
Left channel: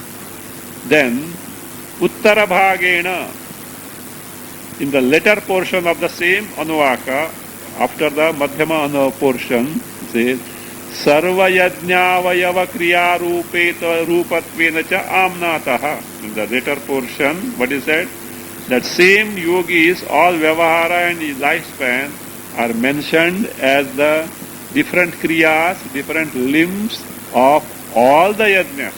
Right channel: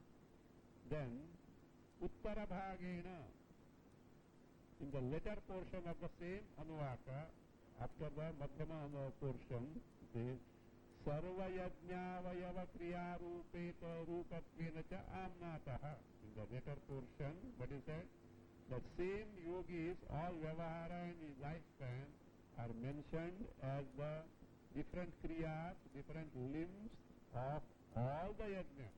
Then, Uttara Bhagena, in the later portion of the same Anuvaka, after the Madhyama portion, says, Sarva Yajñavayava Kriya Rupatvena cha Amnataha. In the later portion, what is that? That same yogis, all Vyavahara and his lifespan are mentioned as the different Kriyas, different limbs of all the Yajnas.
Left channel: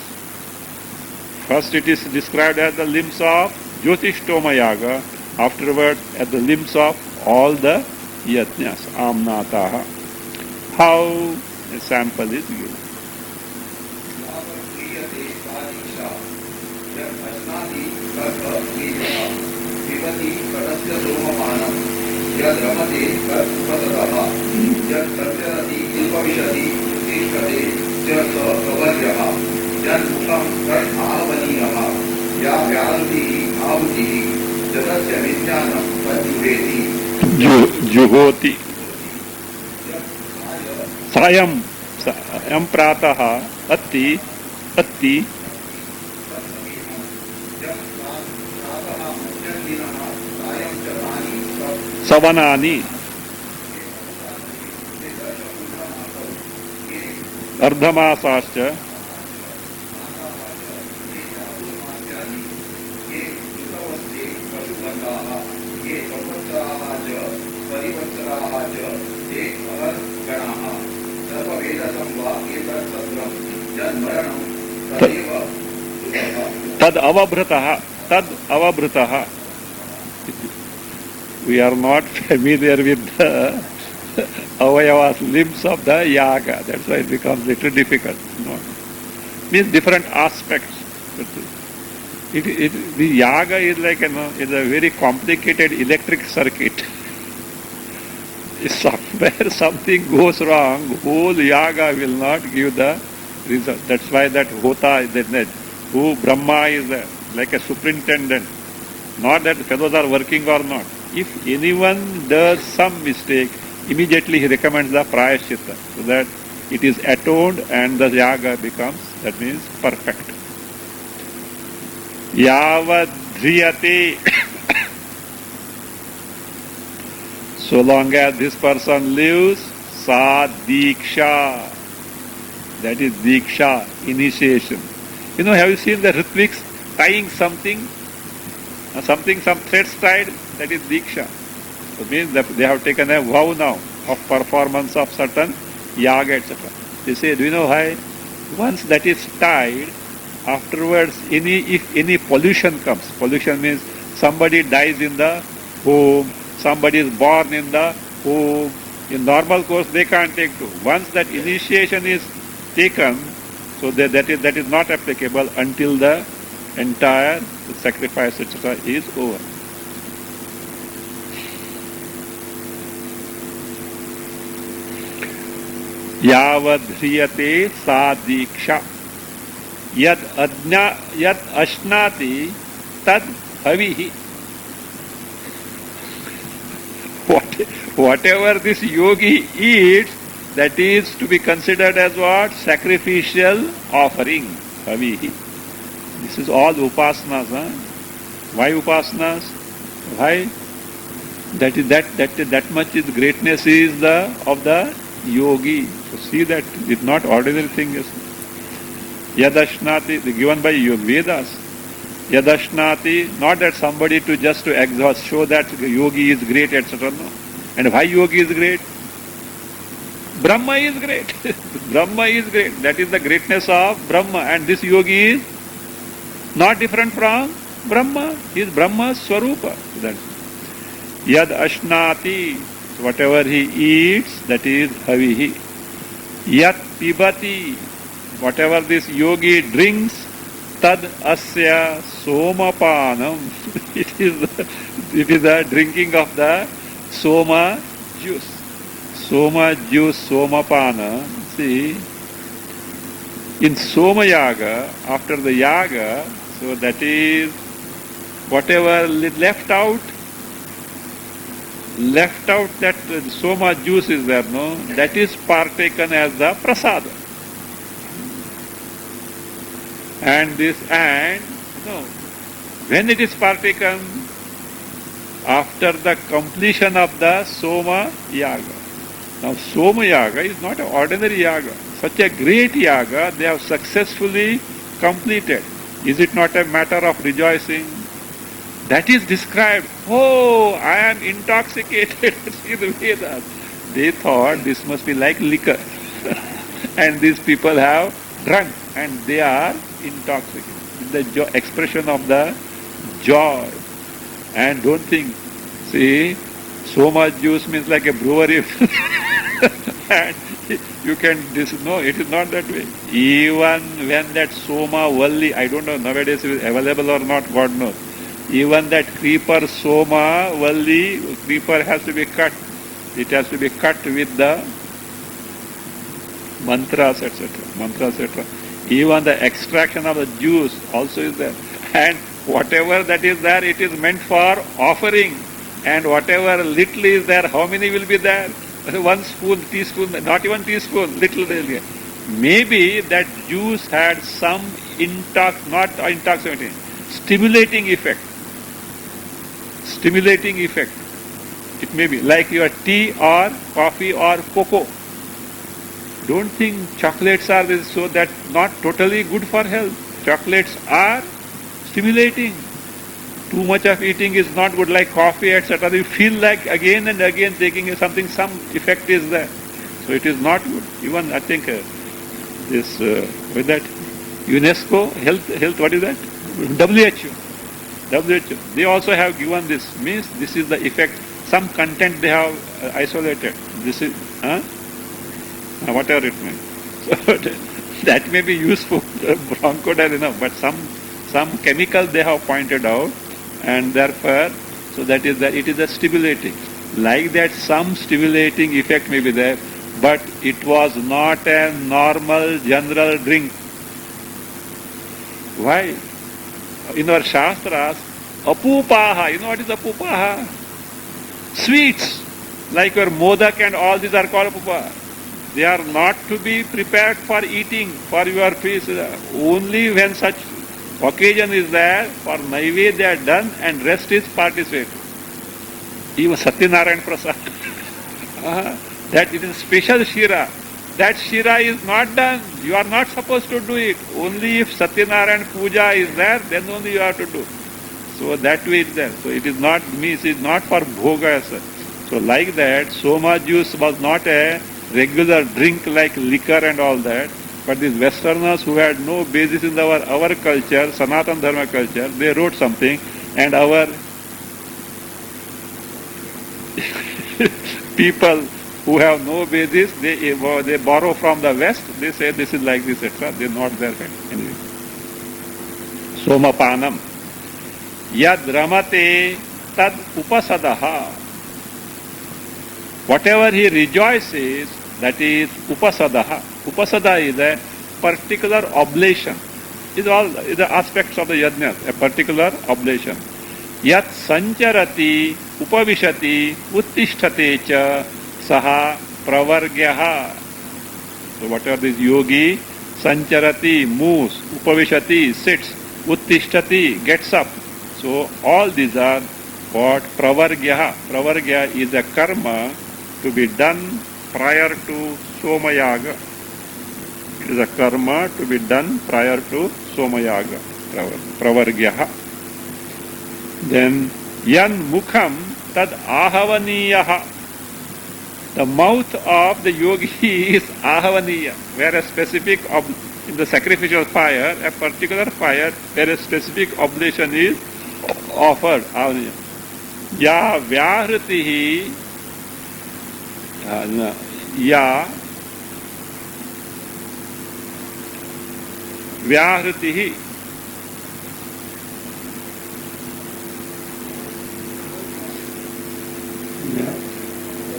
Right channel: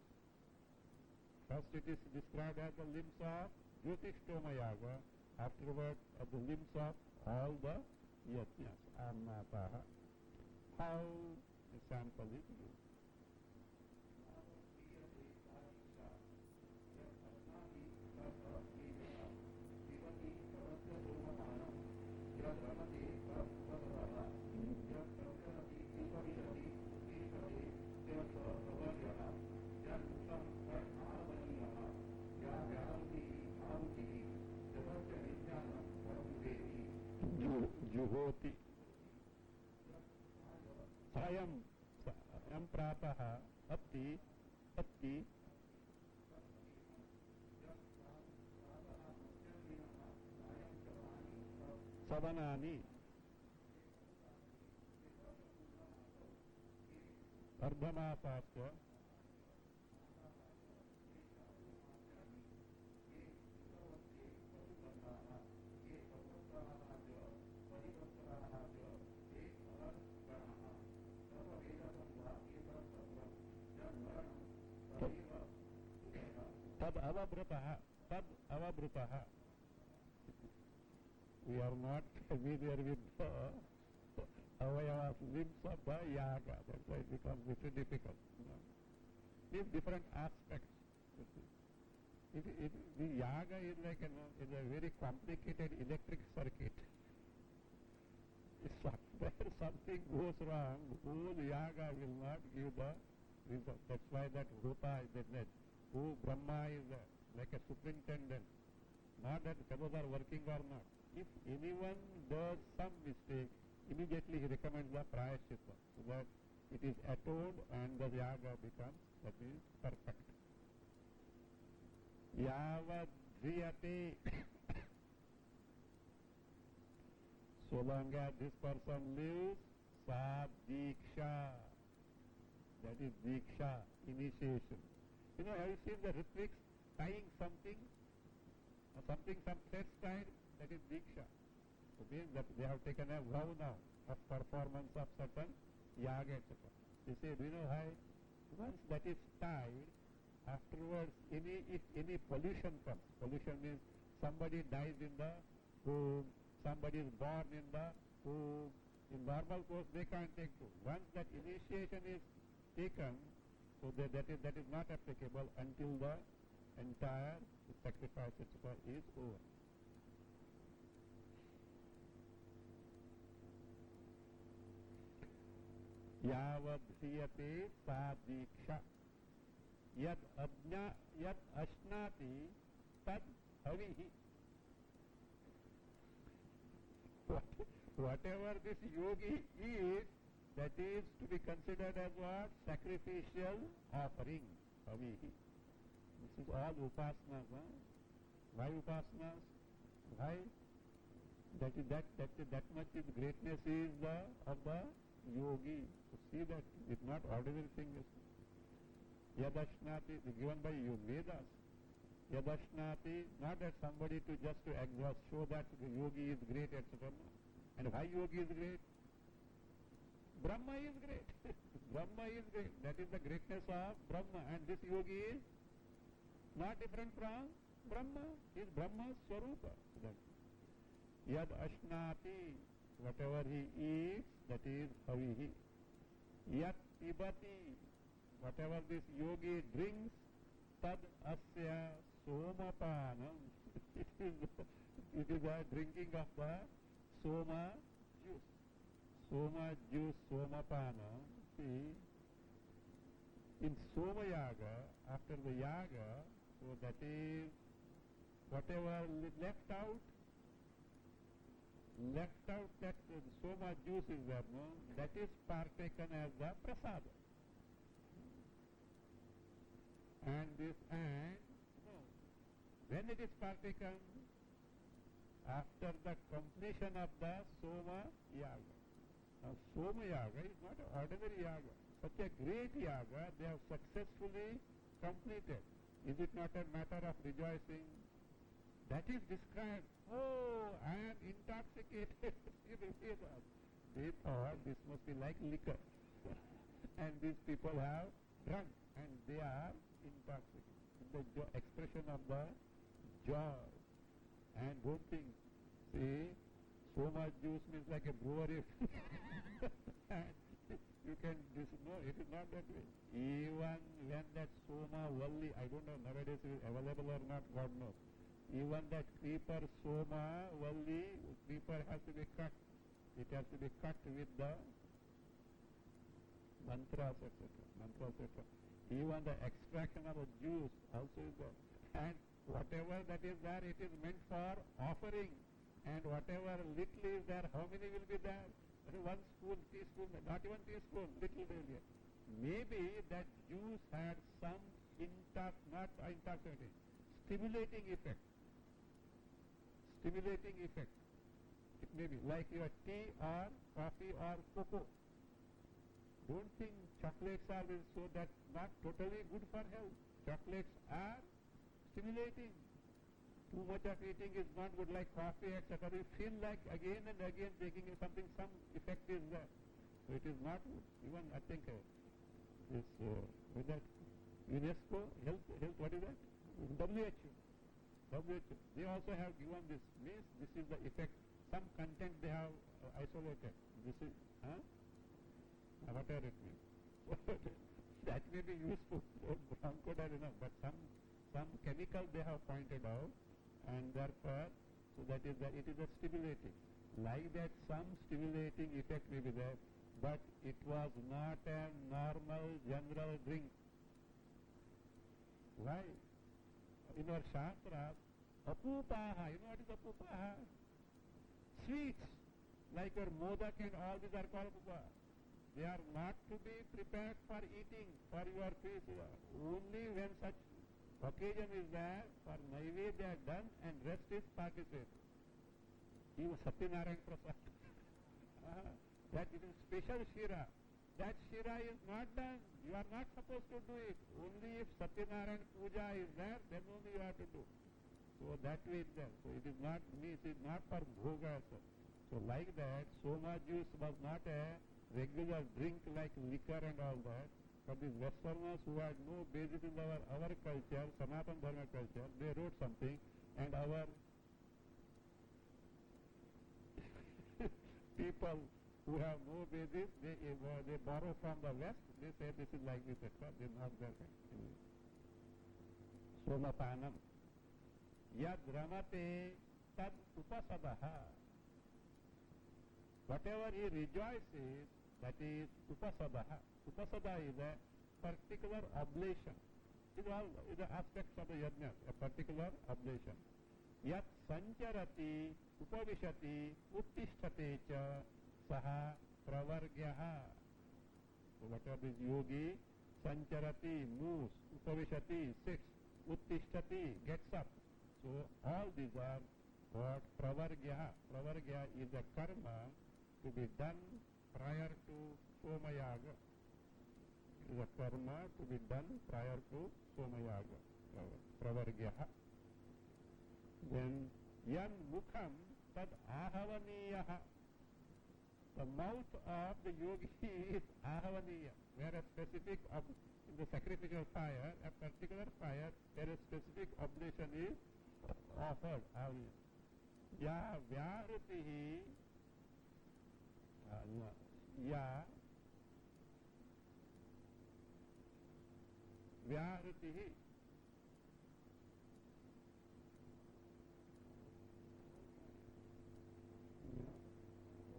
First it is described as the limbs of Jyotishtoma Yaga, afterward as the limbs of all the Yajnas, Amnataha. How a sample is given. तस्य सोमपानं यद् रमते तत् उपततः यत् सञ्चरति उपविशति उत्तिष्ठते च स कवर्यः यन्मुखं तत् आहवनीयः या व्याहृतिः आहुतिः जगस्य विज्ञानं तद्जुहेति जुहोति सायं सायं प्रातः अति अति सवनानि अर्धमासाश्च तद अवभृतः. We are not familiar with the avayavas, limbs of the yaga. That's why it becomes little difficult. No. Means different aspects. The yaga is like is a very complicated electric circuit. If somewhere something goes wrong, whole yaga will not give the result. That's why that hota is that who Brahma is like a superintendent. Not that fellows are working or not. If anyone does some mistake, immediately he recommends the prayaschitta, so that it is atoned and the yaga becomes, that means, perfect. Yavadhriyate. So long as this person lives, sa diksha. That is diksha, initiation. Have you seen the Ritviks tying something? Some threads tied, that is diksha. It means that they have taken a vow now of performance of certain yaga, etc. They say, do you know why? Once that is tied, afterwards, if any pollution comes, pollution means somebody dies in the home, somebody is born in the home, in normal course they can't take to. Once that initiation is taken, so that is not applicable until the entire sacrifice, etc. is over. Yavadhriyate sa diksha. Yad ashnati tad havihi. Whatever this yogi eats, that is to be considered as what? Sacrificial offering. Havihi. This is all upasanas. Huh? Why upasanas? Why? That much is greatness is of the yogi. So see that it's not ordinary thing. Yadashnati, given by Vedas. Yadashnati, not that somebody to exhaust, show that yogi is great, etc. No. And why yogi is great? Brahma is great. Brahma is great. That is the greatness of Brahma. And this yogi is not different from Brahma. He is Brahma's Swarupa. Yad ashnati, whatever he eats, that is havihi. Yat pibati, whatever this yogi drinks, tad asya somapanam. It is the drinking of the soma juice. Soma juice, somapana. See, in Soma Yaga, after the Yaga, so that is whatever left out that Soma juice is there, no? That is partaken as the prasada. When it is partaken? After the completion of the Soma Yaga. Now Soma Yaga is not an ordinary Yaga. Such a great Yaga they have successfully completed. Is it not a matter of rejoicing? That is described. Oh, I am intoxicated. See the Vedas. They thought this must be like liquor. And these people have drunk and they are intoxicated. The expression of the joy. And don't think, see, so much juice means like a brewery. And you can, no, it is not that way. Even when that Soma Valli, I don't know nowadays it is available or not, God knows. Even that creeper Soma, Valli, creeper has to be cut. It has to be cut with the mantras, etc. Mantras, etc. Even the extraction of the juice also is there. And whatever that is there, it is meant for offering. And whatever little is there, how many will be there? 1 spoon, teaspoon, not even teaspoon, little. Maybe that juice had some not intoxicating, stimulating effect. Stimulating effect. It may be like your tea or coffee or cocoa. Don't think chocolates are this, so that not totally good for health. Chocolates are stimulating. Too much of eating is not good, like coffee, etc. You feel like again and again taking something, some effect is there. So it is not good. Even I think this with that UNESCO health what is that? WHO. They also have given this, means this is the effect. Some content they have isolated. This is whatever it means. So that may be useful, bronchodilator, but some chemical they have pointed out, and therefore, so that is that it is a stimulating. Like that, some stimulating effect may be there, but it was not a normal general drink. Why? In our Shastras, apupaha, you know what is apupaha? Sweets, like your modak and all these are called apupaha. They are not to be prepared for eating, for your feast. Only when such occasion is there, for Naivedya they are done and rest is participate. Even Satyanarayan Prasad, that it is special Shira. That Shira is not done. You are not supposed to do it. Only if Satyanarayan Puja is there, then only you have to do. So that way it is there. So it is not, means it is not for bhoga. So like that, Soma juice was not a regular drink like liquor and all that. But these Westerners who had no basis in our culture, Sanatana Dharma culture, they wrote something, and our people who have no basis, they borrow from the West, they say this is like this, etc. They are not there. Anyway. Somapanam. Yad ramate tad upasadaha. Whatever he rejoices, that is upasadaha. Upasada is a particular oblation. Is all the aspects of the yajna, a particular oblation. Yat sancharati, upavishati, uttisthate cha, saha pravargyaha. So whatever this yogi, sancharati, moves, upavishati, sits, uttisthati, gets up. So all these are what? Pravargyaha. Pravargya is a karma to be done prior to Somayaga. It is a karma to be done prior to Somayaga. Pravargyaha. Then yan mukham tad ahavaniyaha. The mouth of the yogi is ahavaniya, where a specific, in the sacrificial fire, a particular fire, where a specific oblation is offered. Ya vyahritihi, ya vyahritihi.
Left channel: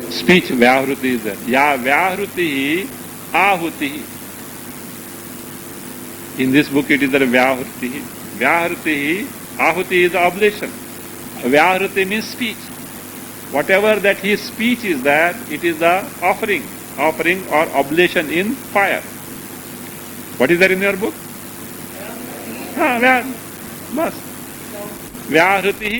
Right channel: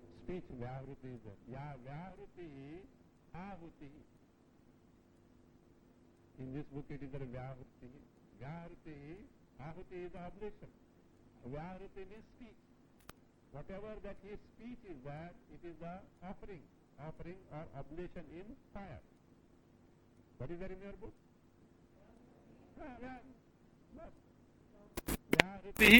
Speech vyahruti is there. Ya vyahruti ahuti. In this book it is the vyahruti. Vyahruti ahuti is the oblation. Vyahruti means speech. Whatever that his speech is there, it is the offering or oblation in fire. What is there in your book? Vyahruti.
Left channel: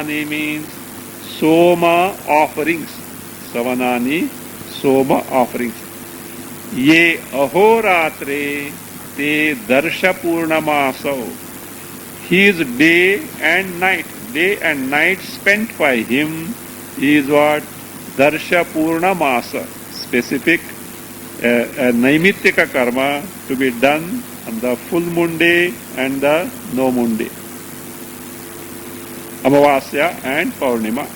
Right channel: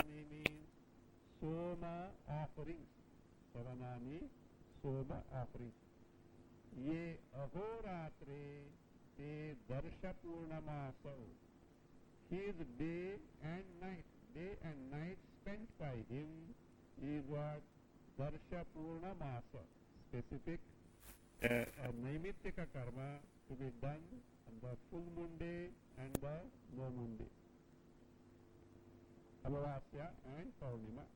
Savanani means Soma offerings. Savanani, Soma offerings. Ye ahoratre te darsha purnamaso. His day and night spent by him is what? Darsha purnamasa. Specific naimittika karma to be done on the full moon day and the no moon day. Amavasya and Paurnima.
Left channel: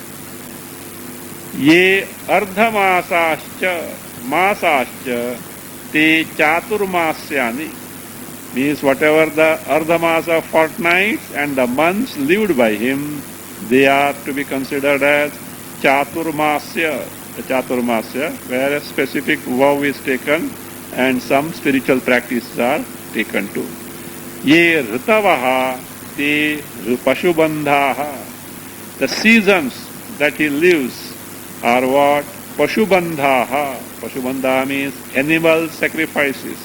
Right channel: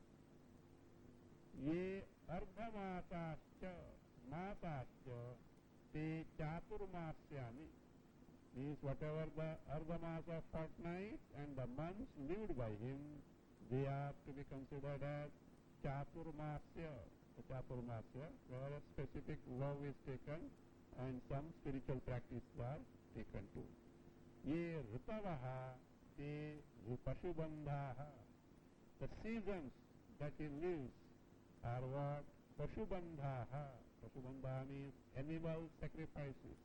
Ye masascha te chaturmasyani means whatever the ardhamasa fortnights and the months lived by him, they are to be considered as chaturmasya, the chaturmasya, where a specific vow is taken and some spiritual practices are taken too. Ye ritavaha te pashubandhaha. The seasons that he lives are what? Pashubandhaha. Pashubandhaha means animal sacrifices.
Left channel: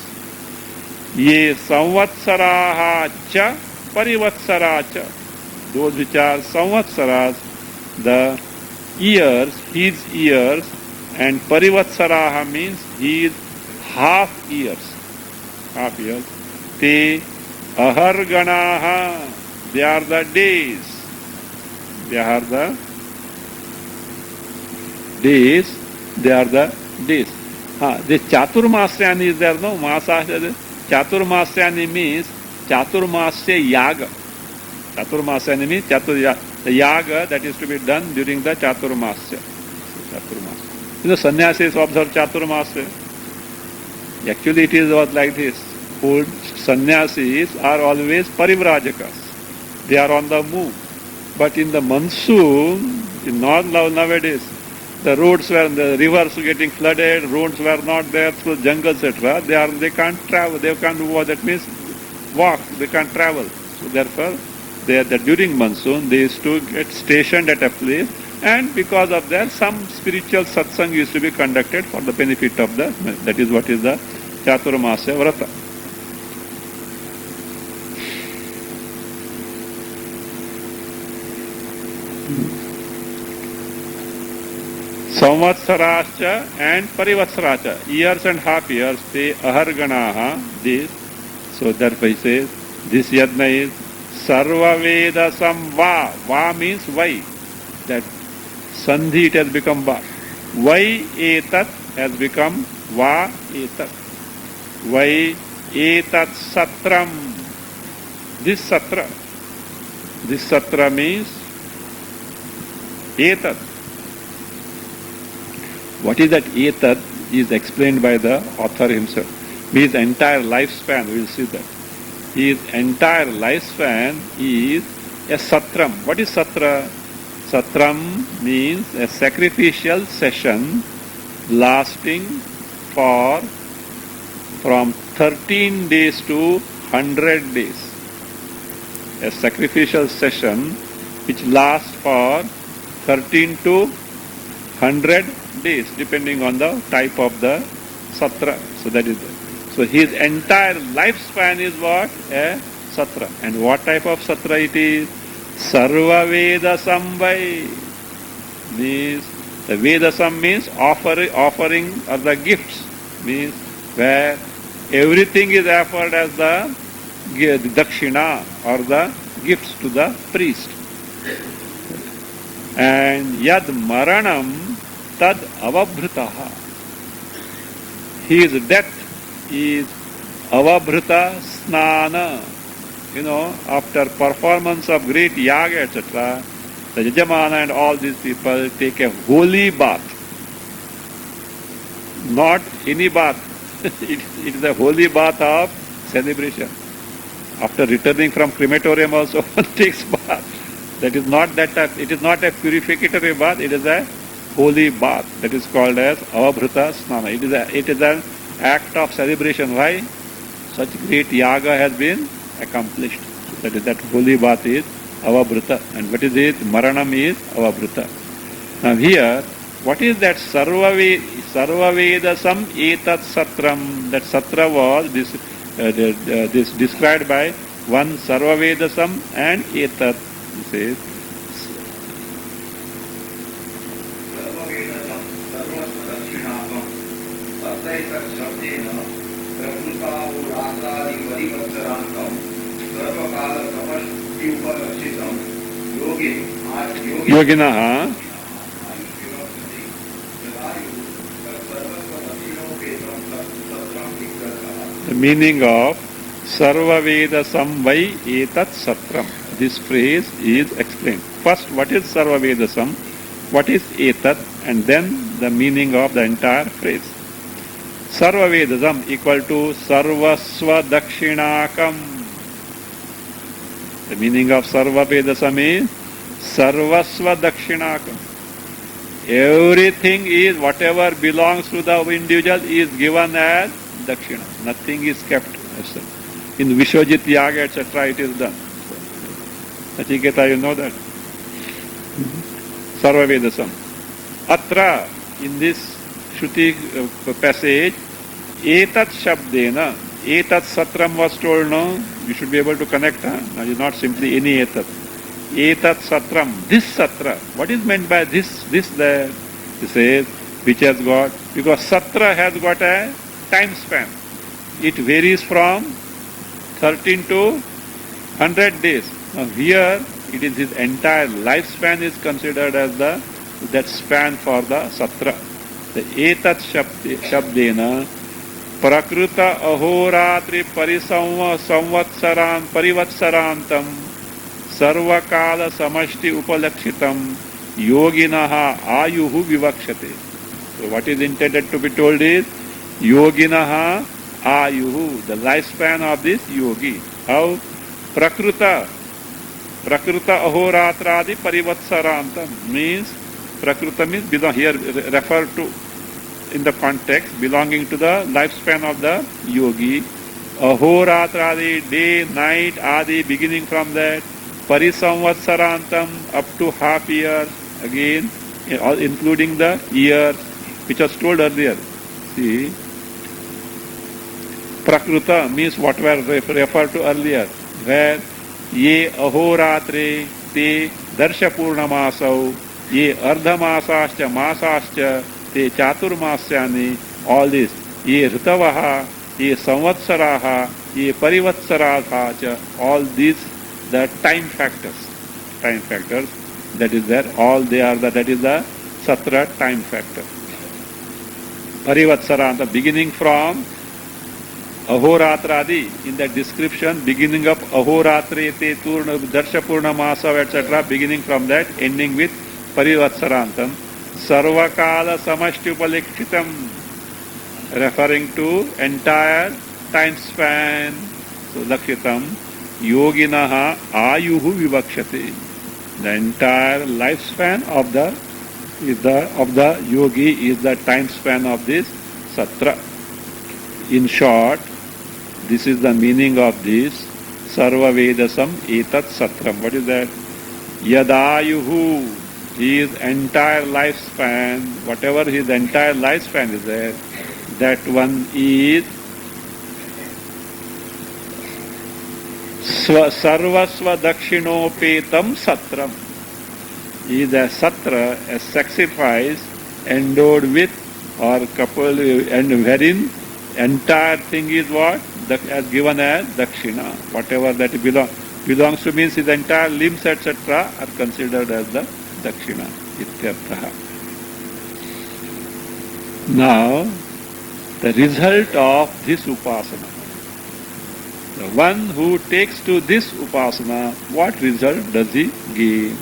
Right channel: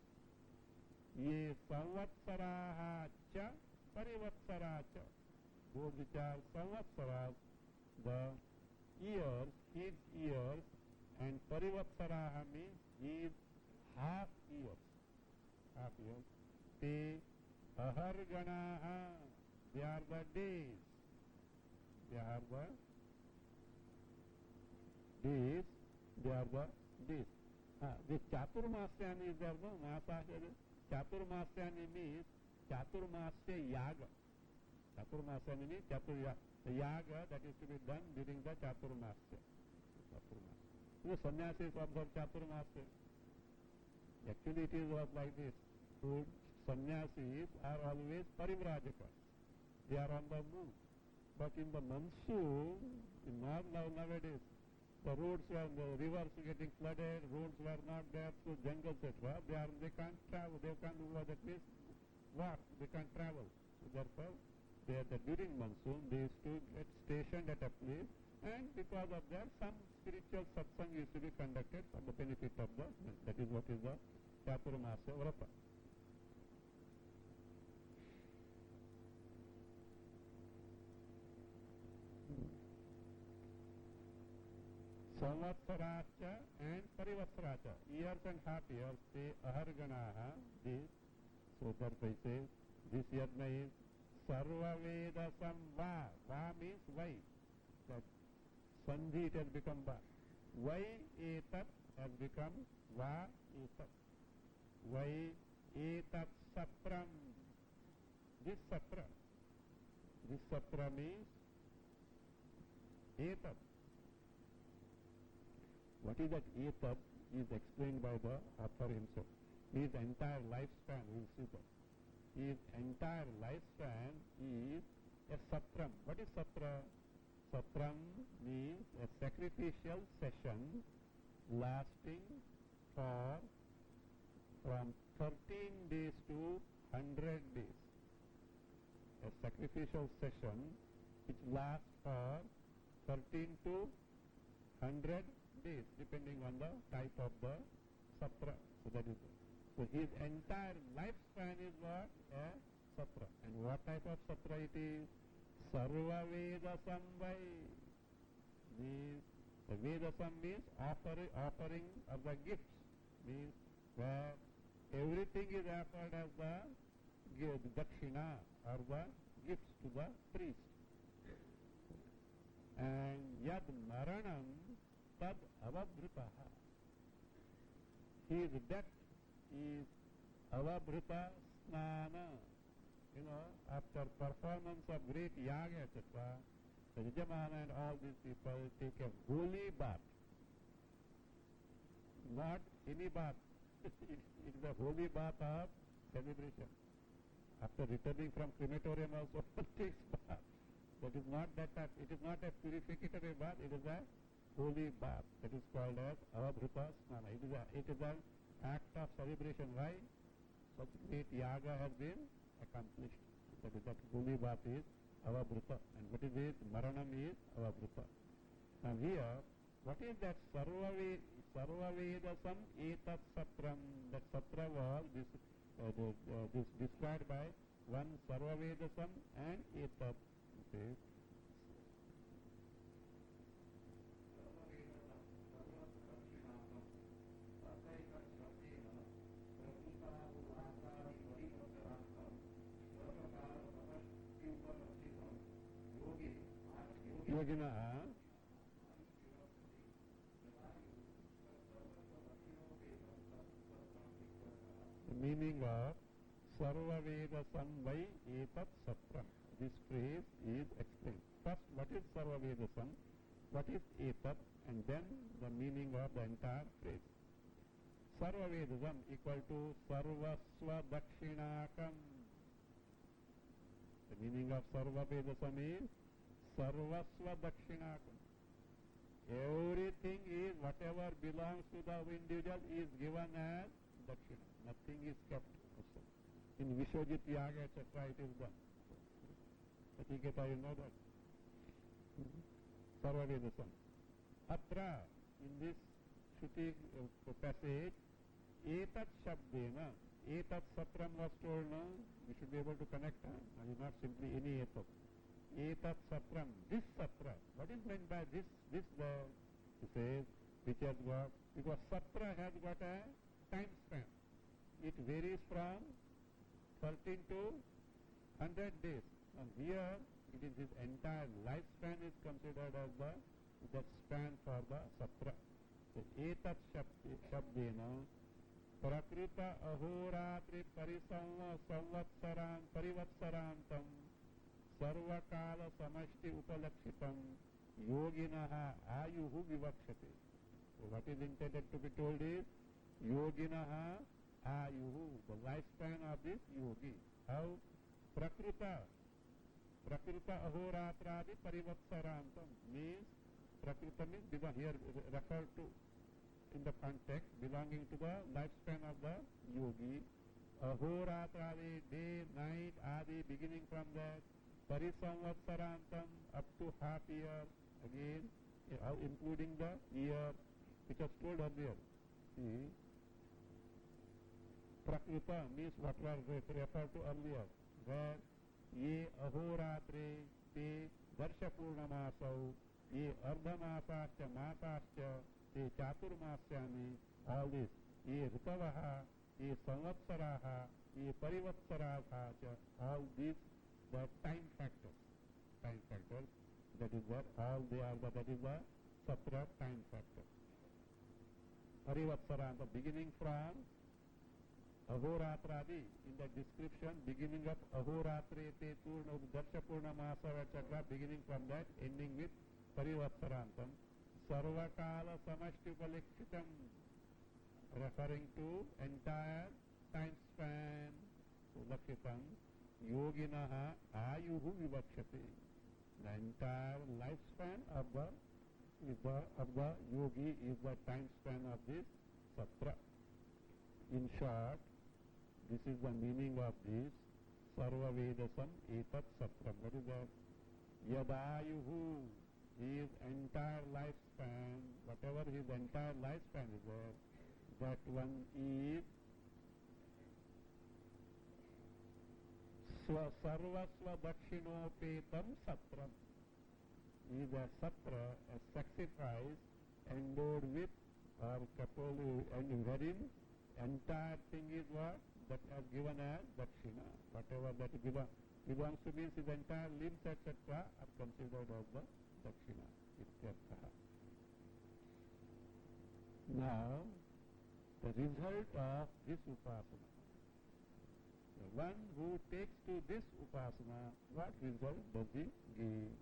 Ye samvatsaraha cha parivatsara cha. Those which are samvatsaras, the years, his years, and parivatsaraha means his half years. Half years. Te aharganaha. They are the days. They are the days. They are the days. The Chaturmasyani is there, no? Chaturmasyani means Chaturmasya Yaga. Chaturmasyani means the Yaga that is to be done during the Chaturmasya. Chaturmasya. You know, sannyasis observe Chaturmasya. Actually, it was like this. Old sannyasis are always parivrajakas. They are on the move. But in the monsoon, nowadays, the roads the rivers were getting flooded, roads were not there through jungle, etc. They can't travel, they can't move, that means walk, they can't travel. So therefore, during monsoon, they used to get stationed at a place, and because of that, some spiritual satsang used to be conducted for the benefit of that is what is the Chaturmasya Vrata. Samvatsaracha and Parivatsaracha, years and half years, te aharganaha, this. So therefore he says, this yajna is Sarva Veda Samva. Va means why. That Sandhi it has become Va. Vai etat has become Va etat. Vai etat satram. This satra. This satra means etat. What is that etat is explained by the author himself. His entire lifespan, we will see that. His entire lifespan is a satram. What is satra? Satram means a sacrificial session lasting from 13 days to 100 days. A sacrificial session which lasts for 13 to 100 days, depending on the type of the satra. So that is it. So his entire lifespan is what? A satra. And what type of satra it is? Sarva Veda Samvai. Means the Vedasam means offering or the gifts. Means where everything is offered as the dakshina or the gifts to the priest. And yad maranam tad avabhritaha. His death is avabhrita snana. You know, after performance of great yaga, etc., the Yajamana and all these people take a holy bath. Not any bath. It is a holy bath of celebration. After returning from crematorium also one takes bath. That is not that type. It is not a purificatory bath. It is a holy bath. That is called as avabhrita snana. It is an act of celebration. Why? Such great yaga has been accomplished. That holy bath is avabruta. And what is it? Maranam is avabruta. Now here, what is that sarvavedasam etat satram? That satra was this described by one sarvavedasam and etat. He says, सर्ववेदजं सर्वस्वदक्षिणाकं तत्रैतच्छब्देन प्रकृताहुरात्रादिवरिवत्सरान्तं सर्वकालसमष्टियुपलक्षितं योगे Yoginah. आयुर्विवक्षति यदायुः तत्सर्वस्वदक्षिणोपेतं सत्रं विग्रहः. The meaning of Sarvavedasam vai etat satram. This phrase is explained. First, what is Sarvavedasam? What is etat? And then the meaning of the entire phrase. Sarvavedasam equal to Sarvasva Dakshinakam. The meaning of Sarvavedasam is Sarvasva Dakshinakam. Everything is, whatever belongs to the individual is given as Dakshina. Nothing is kept as such. In Vishwajit Yaga, etc., it is done. Nachiketa, you know that? Sarvavedasam. Atra, in this Shruti passage, etat shabdena, etat satram was told, no? You should be able to connect, huh? Now, it's not simply any etat. Etat satram, this satra. What is meant by this, there? He says, which has got, because satra has got a time span. It varies from 13 to 100 days. Now here, it is his entire lifespan is considered as that span for the satra. The etat shabdena prakruta ahoratri parivatsarantam sarvakala samashti upalakshitam yoginaha ayuhu vivakshate. So what is intended to be told is yoginaha ayuhu, the lifespan of this yogi. How? Prakruta ahoratradi parivatsarantam means, prakruta means here refer to, in the context, belonging to the lifespan of the yogi. Ahoratradi, day, night, adi, beginning from that. Parisamvatsarantam, up to half year, again, including the years, which was told earlier. See, Prakruta means what were referred to earlier, where ye ahoratre te darshapurnamasau, ye ardhamasascha masascha te chaturmasyani, all this, ye ritavaha, ye samvatsaraha, ye parivatsaraha cha, all these, the time factors, that is there, all they are, that is the satra time factor. Parivatsara, the beginning from Ahoratradi, in the description, beginning of Ahoratre, Te Turna, Darsha Purnamasa, etc., beginning from that, ending with Parivatsarantam. Sarvakala Samashtyupalikshitam, referring to entire time span. So, Lakshitam, Yoginaha Ayuhu Vivakshati. The entire lifespan of the yogi is the time span of this satra. In short, this is the meaning of this Sarvavedasam etat satram. What is that? Yadayuhu, his entire lifespan, whatever his entire lifespan is there, that one is Sarvasva Dakshinopetam Satram. Is a satra, a sacrifice endowed with or coupled, and wherein entire thing is what? As given as dakshina. Whatever that belongs to means his entire limbs, etc., are considered as the dakshina. Ityarthaha. Now, the result of this upasana. The one who takes to this upasana, what result does he gain?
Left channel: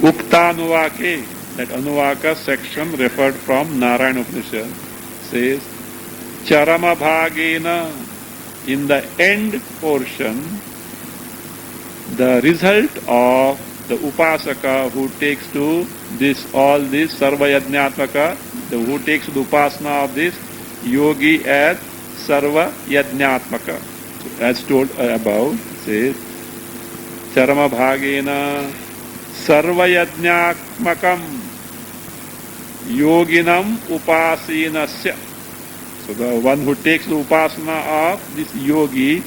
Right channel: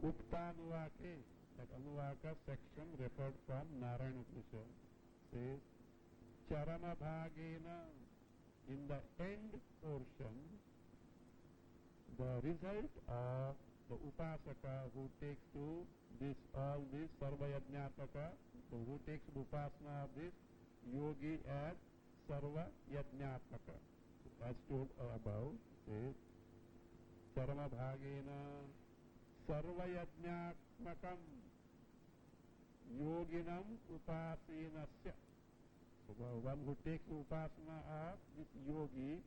Uktanuvake, that Anuvaka section referred from Narayana Upanishad, says Charama Bhagena, in the end portion, the result of the upasaka who takes to this all this sarva yajnatmaka, who takes the upasana of this yogi as sarva yajnatmaka. As told above, says charama bhagena sarva yajnatmakam yoginam upasinasya. So the one who takes the upasana of this yogi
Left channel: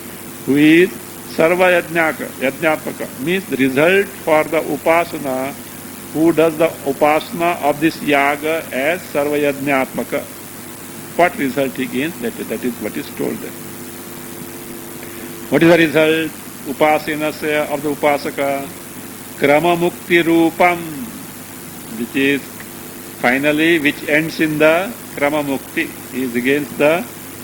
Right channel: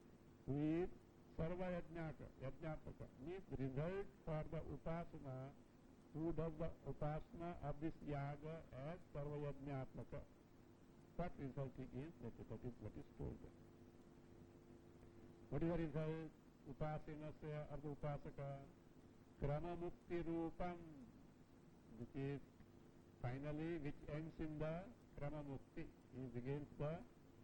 who is sarva yajnatmaka means the result for the upasana who does the upasana of this yaga as sarva yajnatmaka. What result he gains? That is what is told there. What is the result? Upasinasya of the upasaka krama mukti rupam, which is finally which ends in the krama mukti.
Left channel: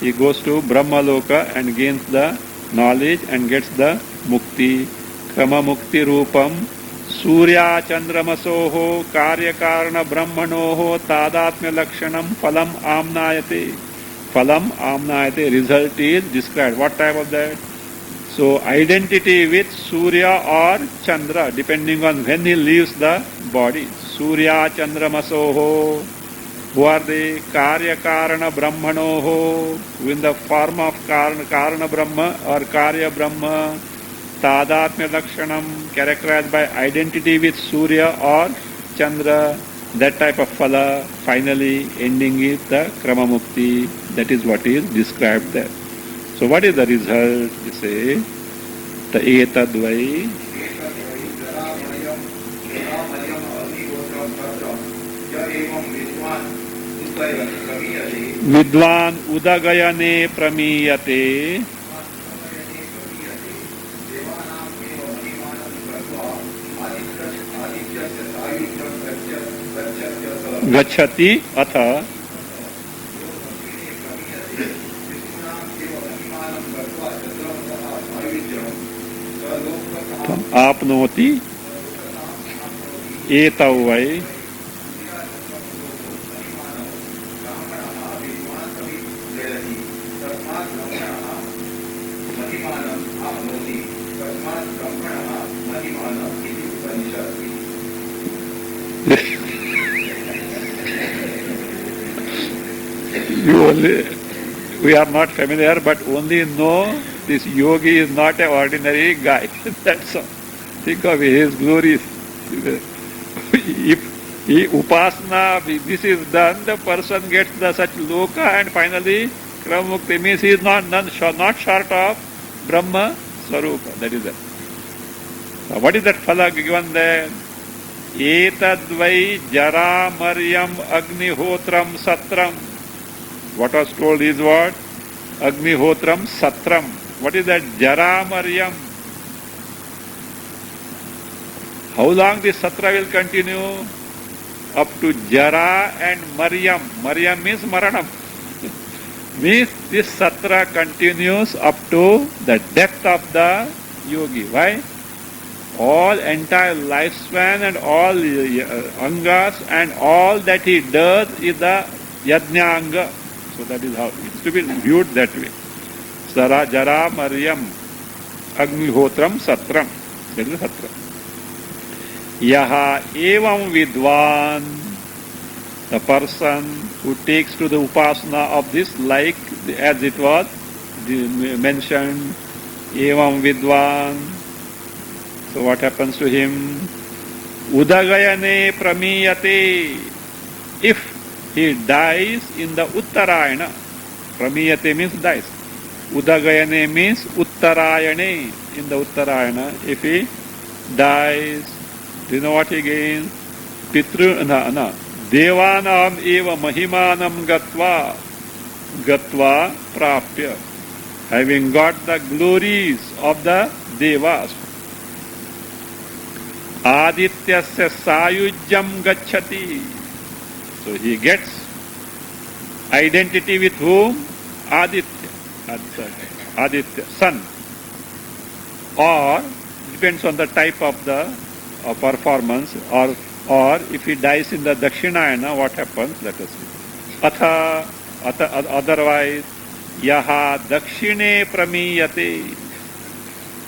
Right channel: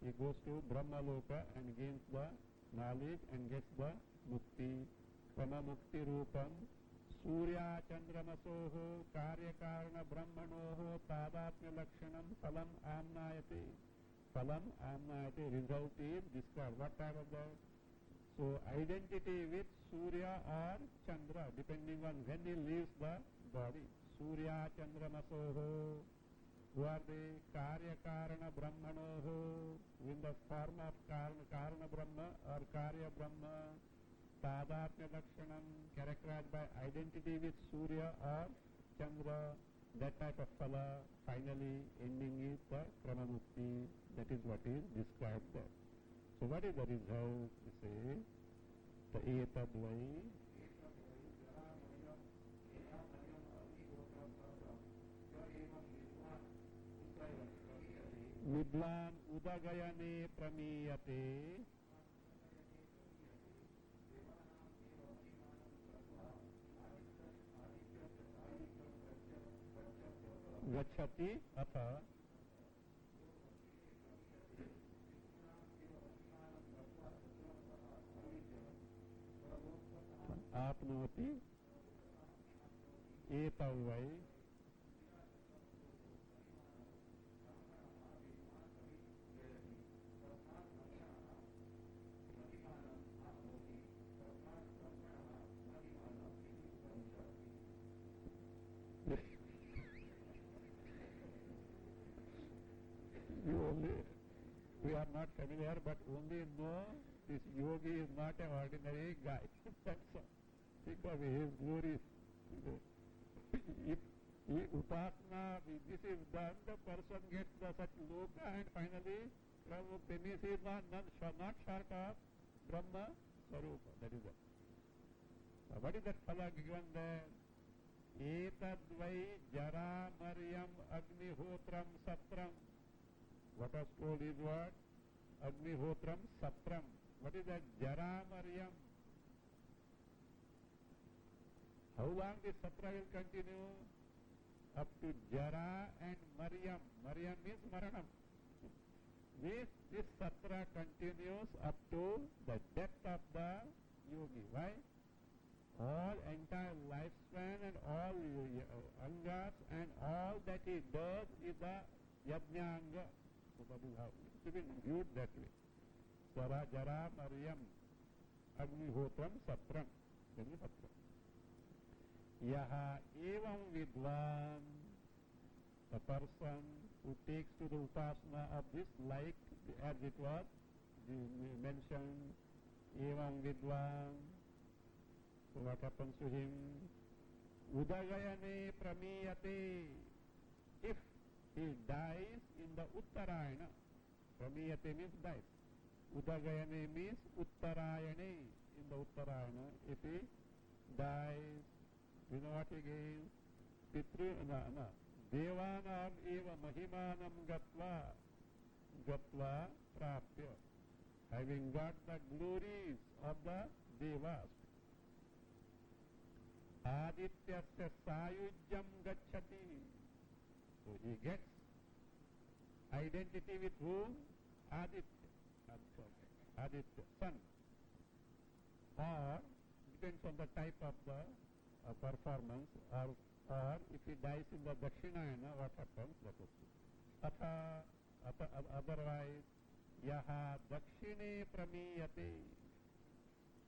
He goes to Brahma Loka and gains the knowledge and gets the mukti. Krama mukti rupam surya chandramasoho karya karana brahmanoho tadatmya lakshanam phalam amnayate. Phalam amnayate, result is described. What type of that? So identity with Surya or Chandra, depending on when he leaves the body. Surya chandramasoho. Who are they? Karya Karana Brahmanoho, who in the form of Karana Brahma or Karya Brahma, Tadatmya Lakshanam, characterized by identity with Surya or Chandra, that type of phala, finally ending with the Krama Mukti. That is what is described there. So what is the result? You say, the etadvai. Vidwan udagayane pramiyate gachati atha आपनोति एतौ वै we are not familiar, but only know this yogi is not an ordinary guy. That's all. Think of his glories. If he upasana, this is done, the person gets the such loka and finally Krama Mukti means he is not short of Brahma Swarupa. That is it. So what is that phala given there? Etadvai jara maryam agnihotram satram. What was told is what? Agnihotram satram. What is that? Jara maryam. How long this satra will continue? Up to Jara and Maryam. Maryam means Maranam. Means this satra continues up to the death of the yogi. Why? All entire lifespan and all angas and all that he does is the yajna. So that is how it's to be viewed that way. Sara Jara Maryam Agnihotram Satram. That is Satra. Yaha evam vidwan, the person who takes to the upasana of this, like as it was mentioned, evam vidwan. So what happens to him? Udagayane pramiyate. If he dies in the Uttarayana, pramiyate means dies. Udagayane means Uttarayane, in the Uttarayana. If he dies, do you know what he gains? Devanam eva mahimanam gatva prapya. Having got the glories of the devas. Adityasya sayujyam gacchati. So he gets identity with whom? Aditya, sun. Or depends on the type of the performance, or if he dies in the Dakshinayana, what happens? Let us see. Otherwise, yaha dakshine pramiyate.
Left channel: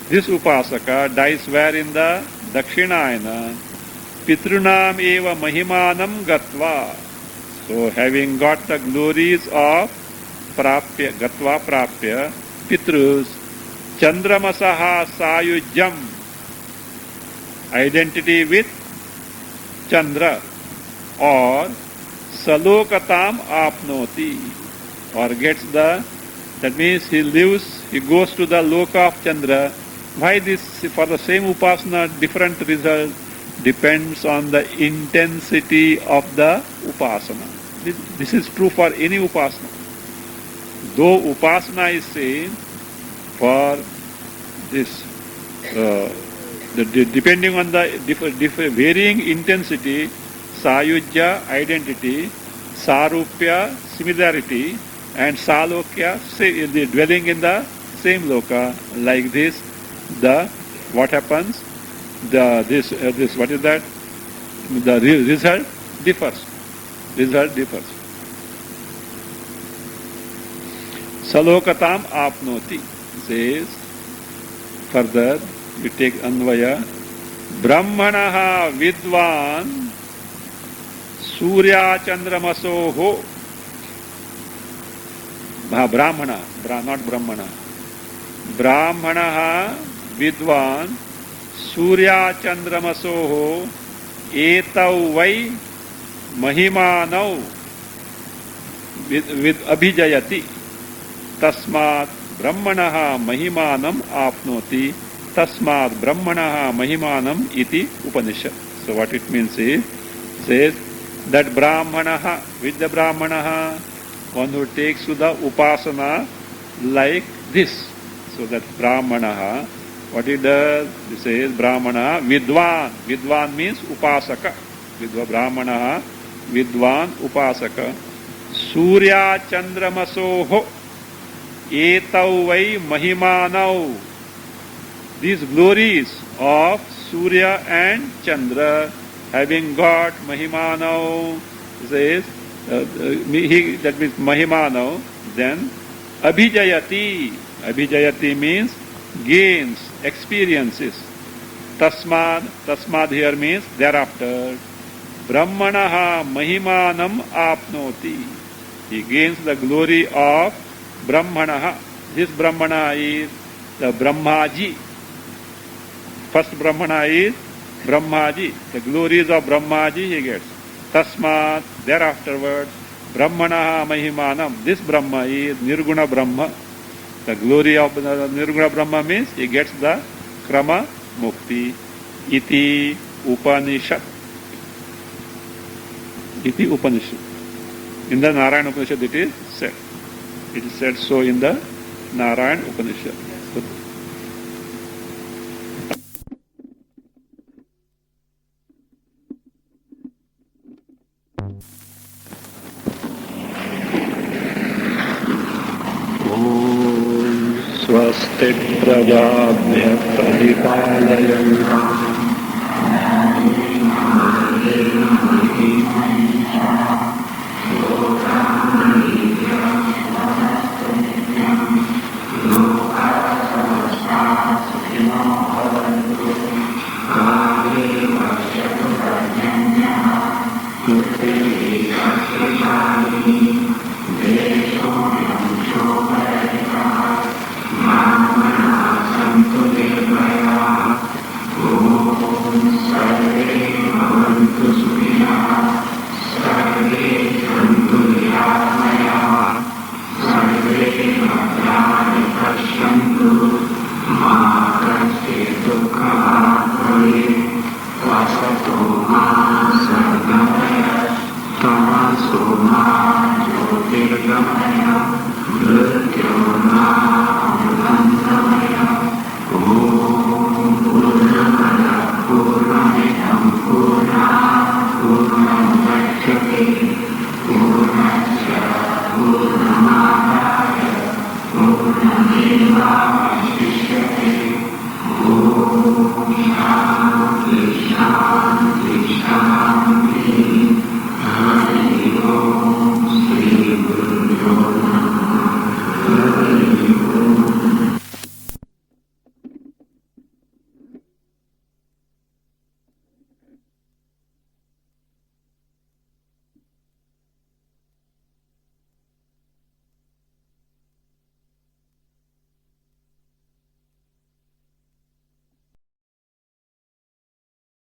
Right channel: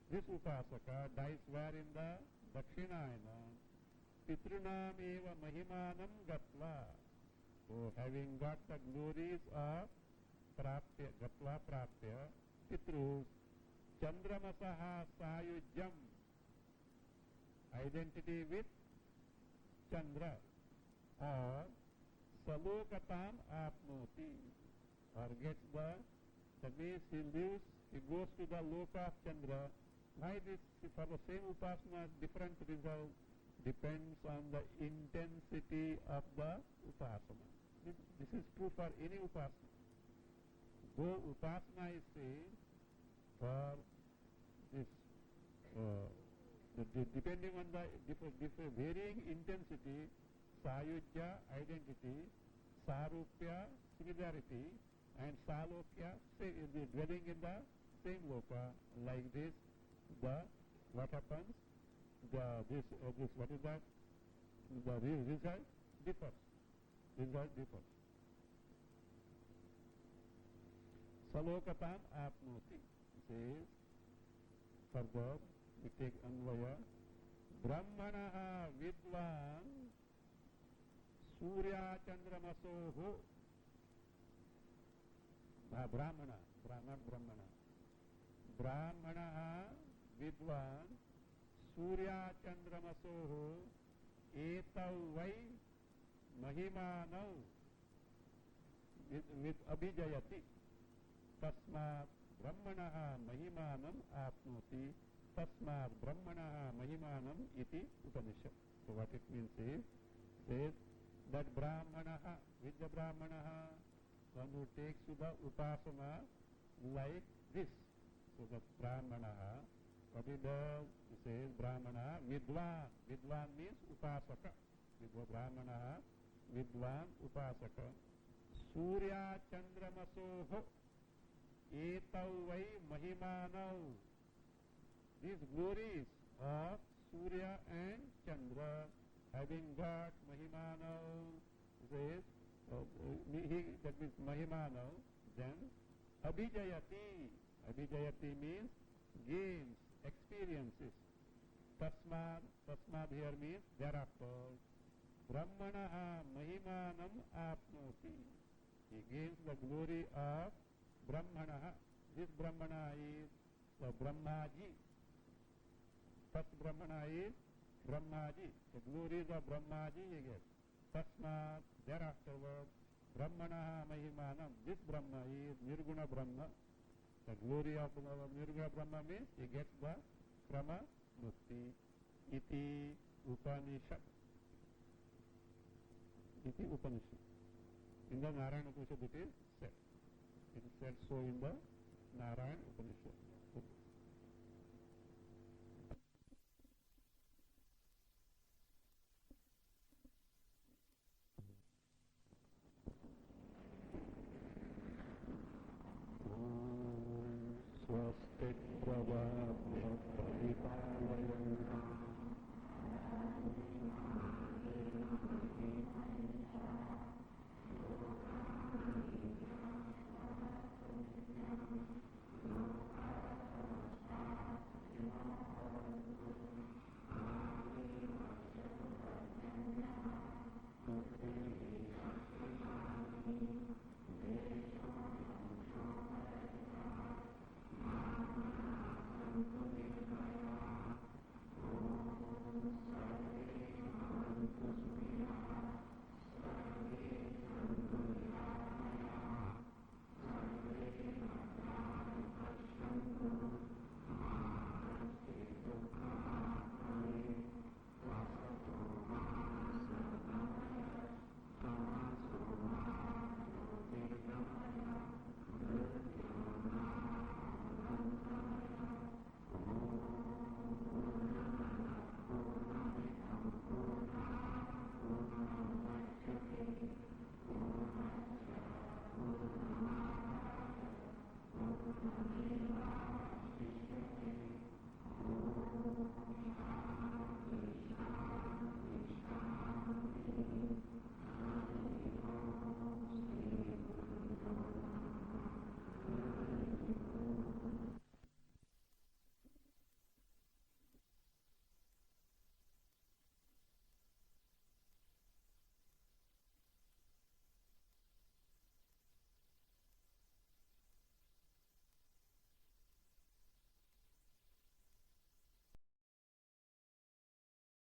This Upasaka dies where in the Dakshinayana. Pitrunam eva mahimanam gatva. So having got the glories of prapya, gatva prapya, Pitrus, Chandramasaha sayujyam, identity with Chandra, or Salokatam apnoti, or gets the, that means he lives, he goes to the loka of Chandra. Why this? For the same upasana, different result depends on the intensity of the upasana. This is true for any upasana. Though upasana is same for this, depending on the varying intensity, sayujya, identity, sarupya, similarity, and salokya, the dwelling in the same loka. Like this, what happens? What is that? The result differs. Salokatam apnoti says further. We take Anvaya. Brahmanaha vidvan Surya Chandramasoho. Brahmana, not Brahmana. Brahmanaha vidvan Surya Chandramasoho etau vai mahimanau with abhijayati tasmat brahmanaha mahimanam apnoti tasmat brahmanaha mahimanam iti Upanishad. So what it means is, says that brahmanaha, with the brahmanaha, one who takes to the upasana like this. So that brahmanaha, what it does, it says brahmana vidvan. Vidvan means upasaka. Brahmanaha vidvan upasaka. Surya chandramasoho etau vai mahimanau. These glories of Surya and Chandra, having got mahimanau, says, that means mahimanau, then abhijayati. Abhijayati means gains, experiences. Tasmad here means thereafter. Brahmanaha mahimanam apnoti. He gains the glory of Brahmanaha. This Brahmana is the Brahmaji. First Brahmana is Brahmaji. The glories of Brahmaji he gets. Tasmat, thereafterwards, Brahmanaha mahimanam. This Brahma is Nirguna Brahma. The glory of the Nirguna Brahma means he gets the Krama Mukti. Iti Upanishad. Iti Upanishad. In the Narayana Upanishad it is said. It is said so in the Narayana Upanishad. Swasti prajabhya pradipalayantam Purnameva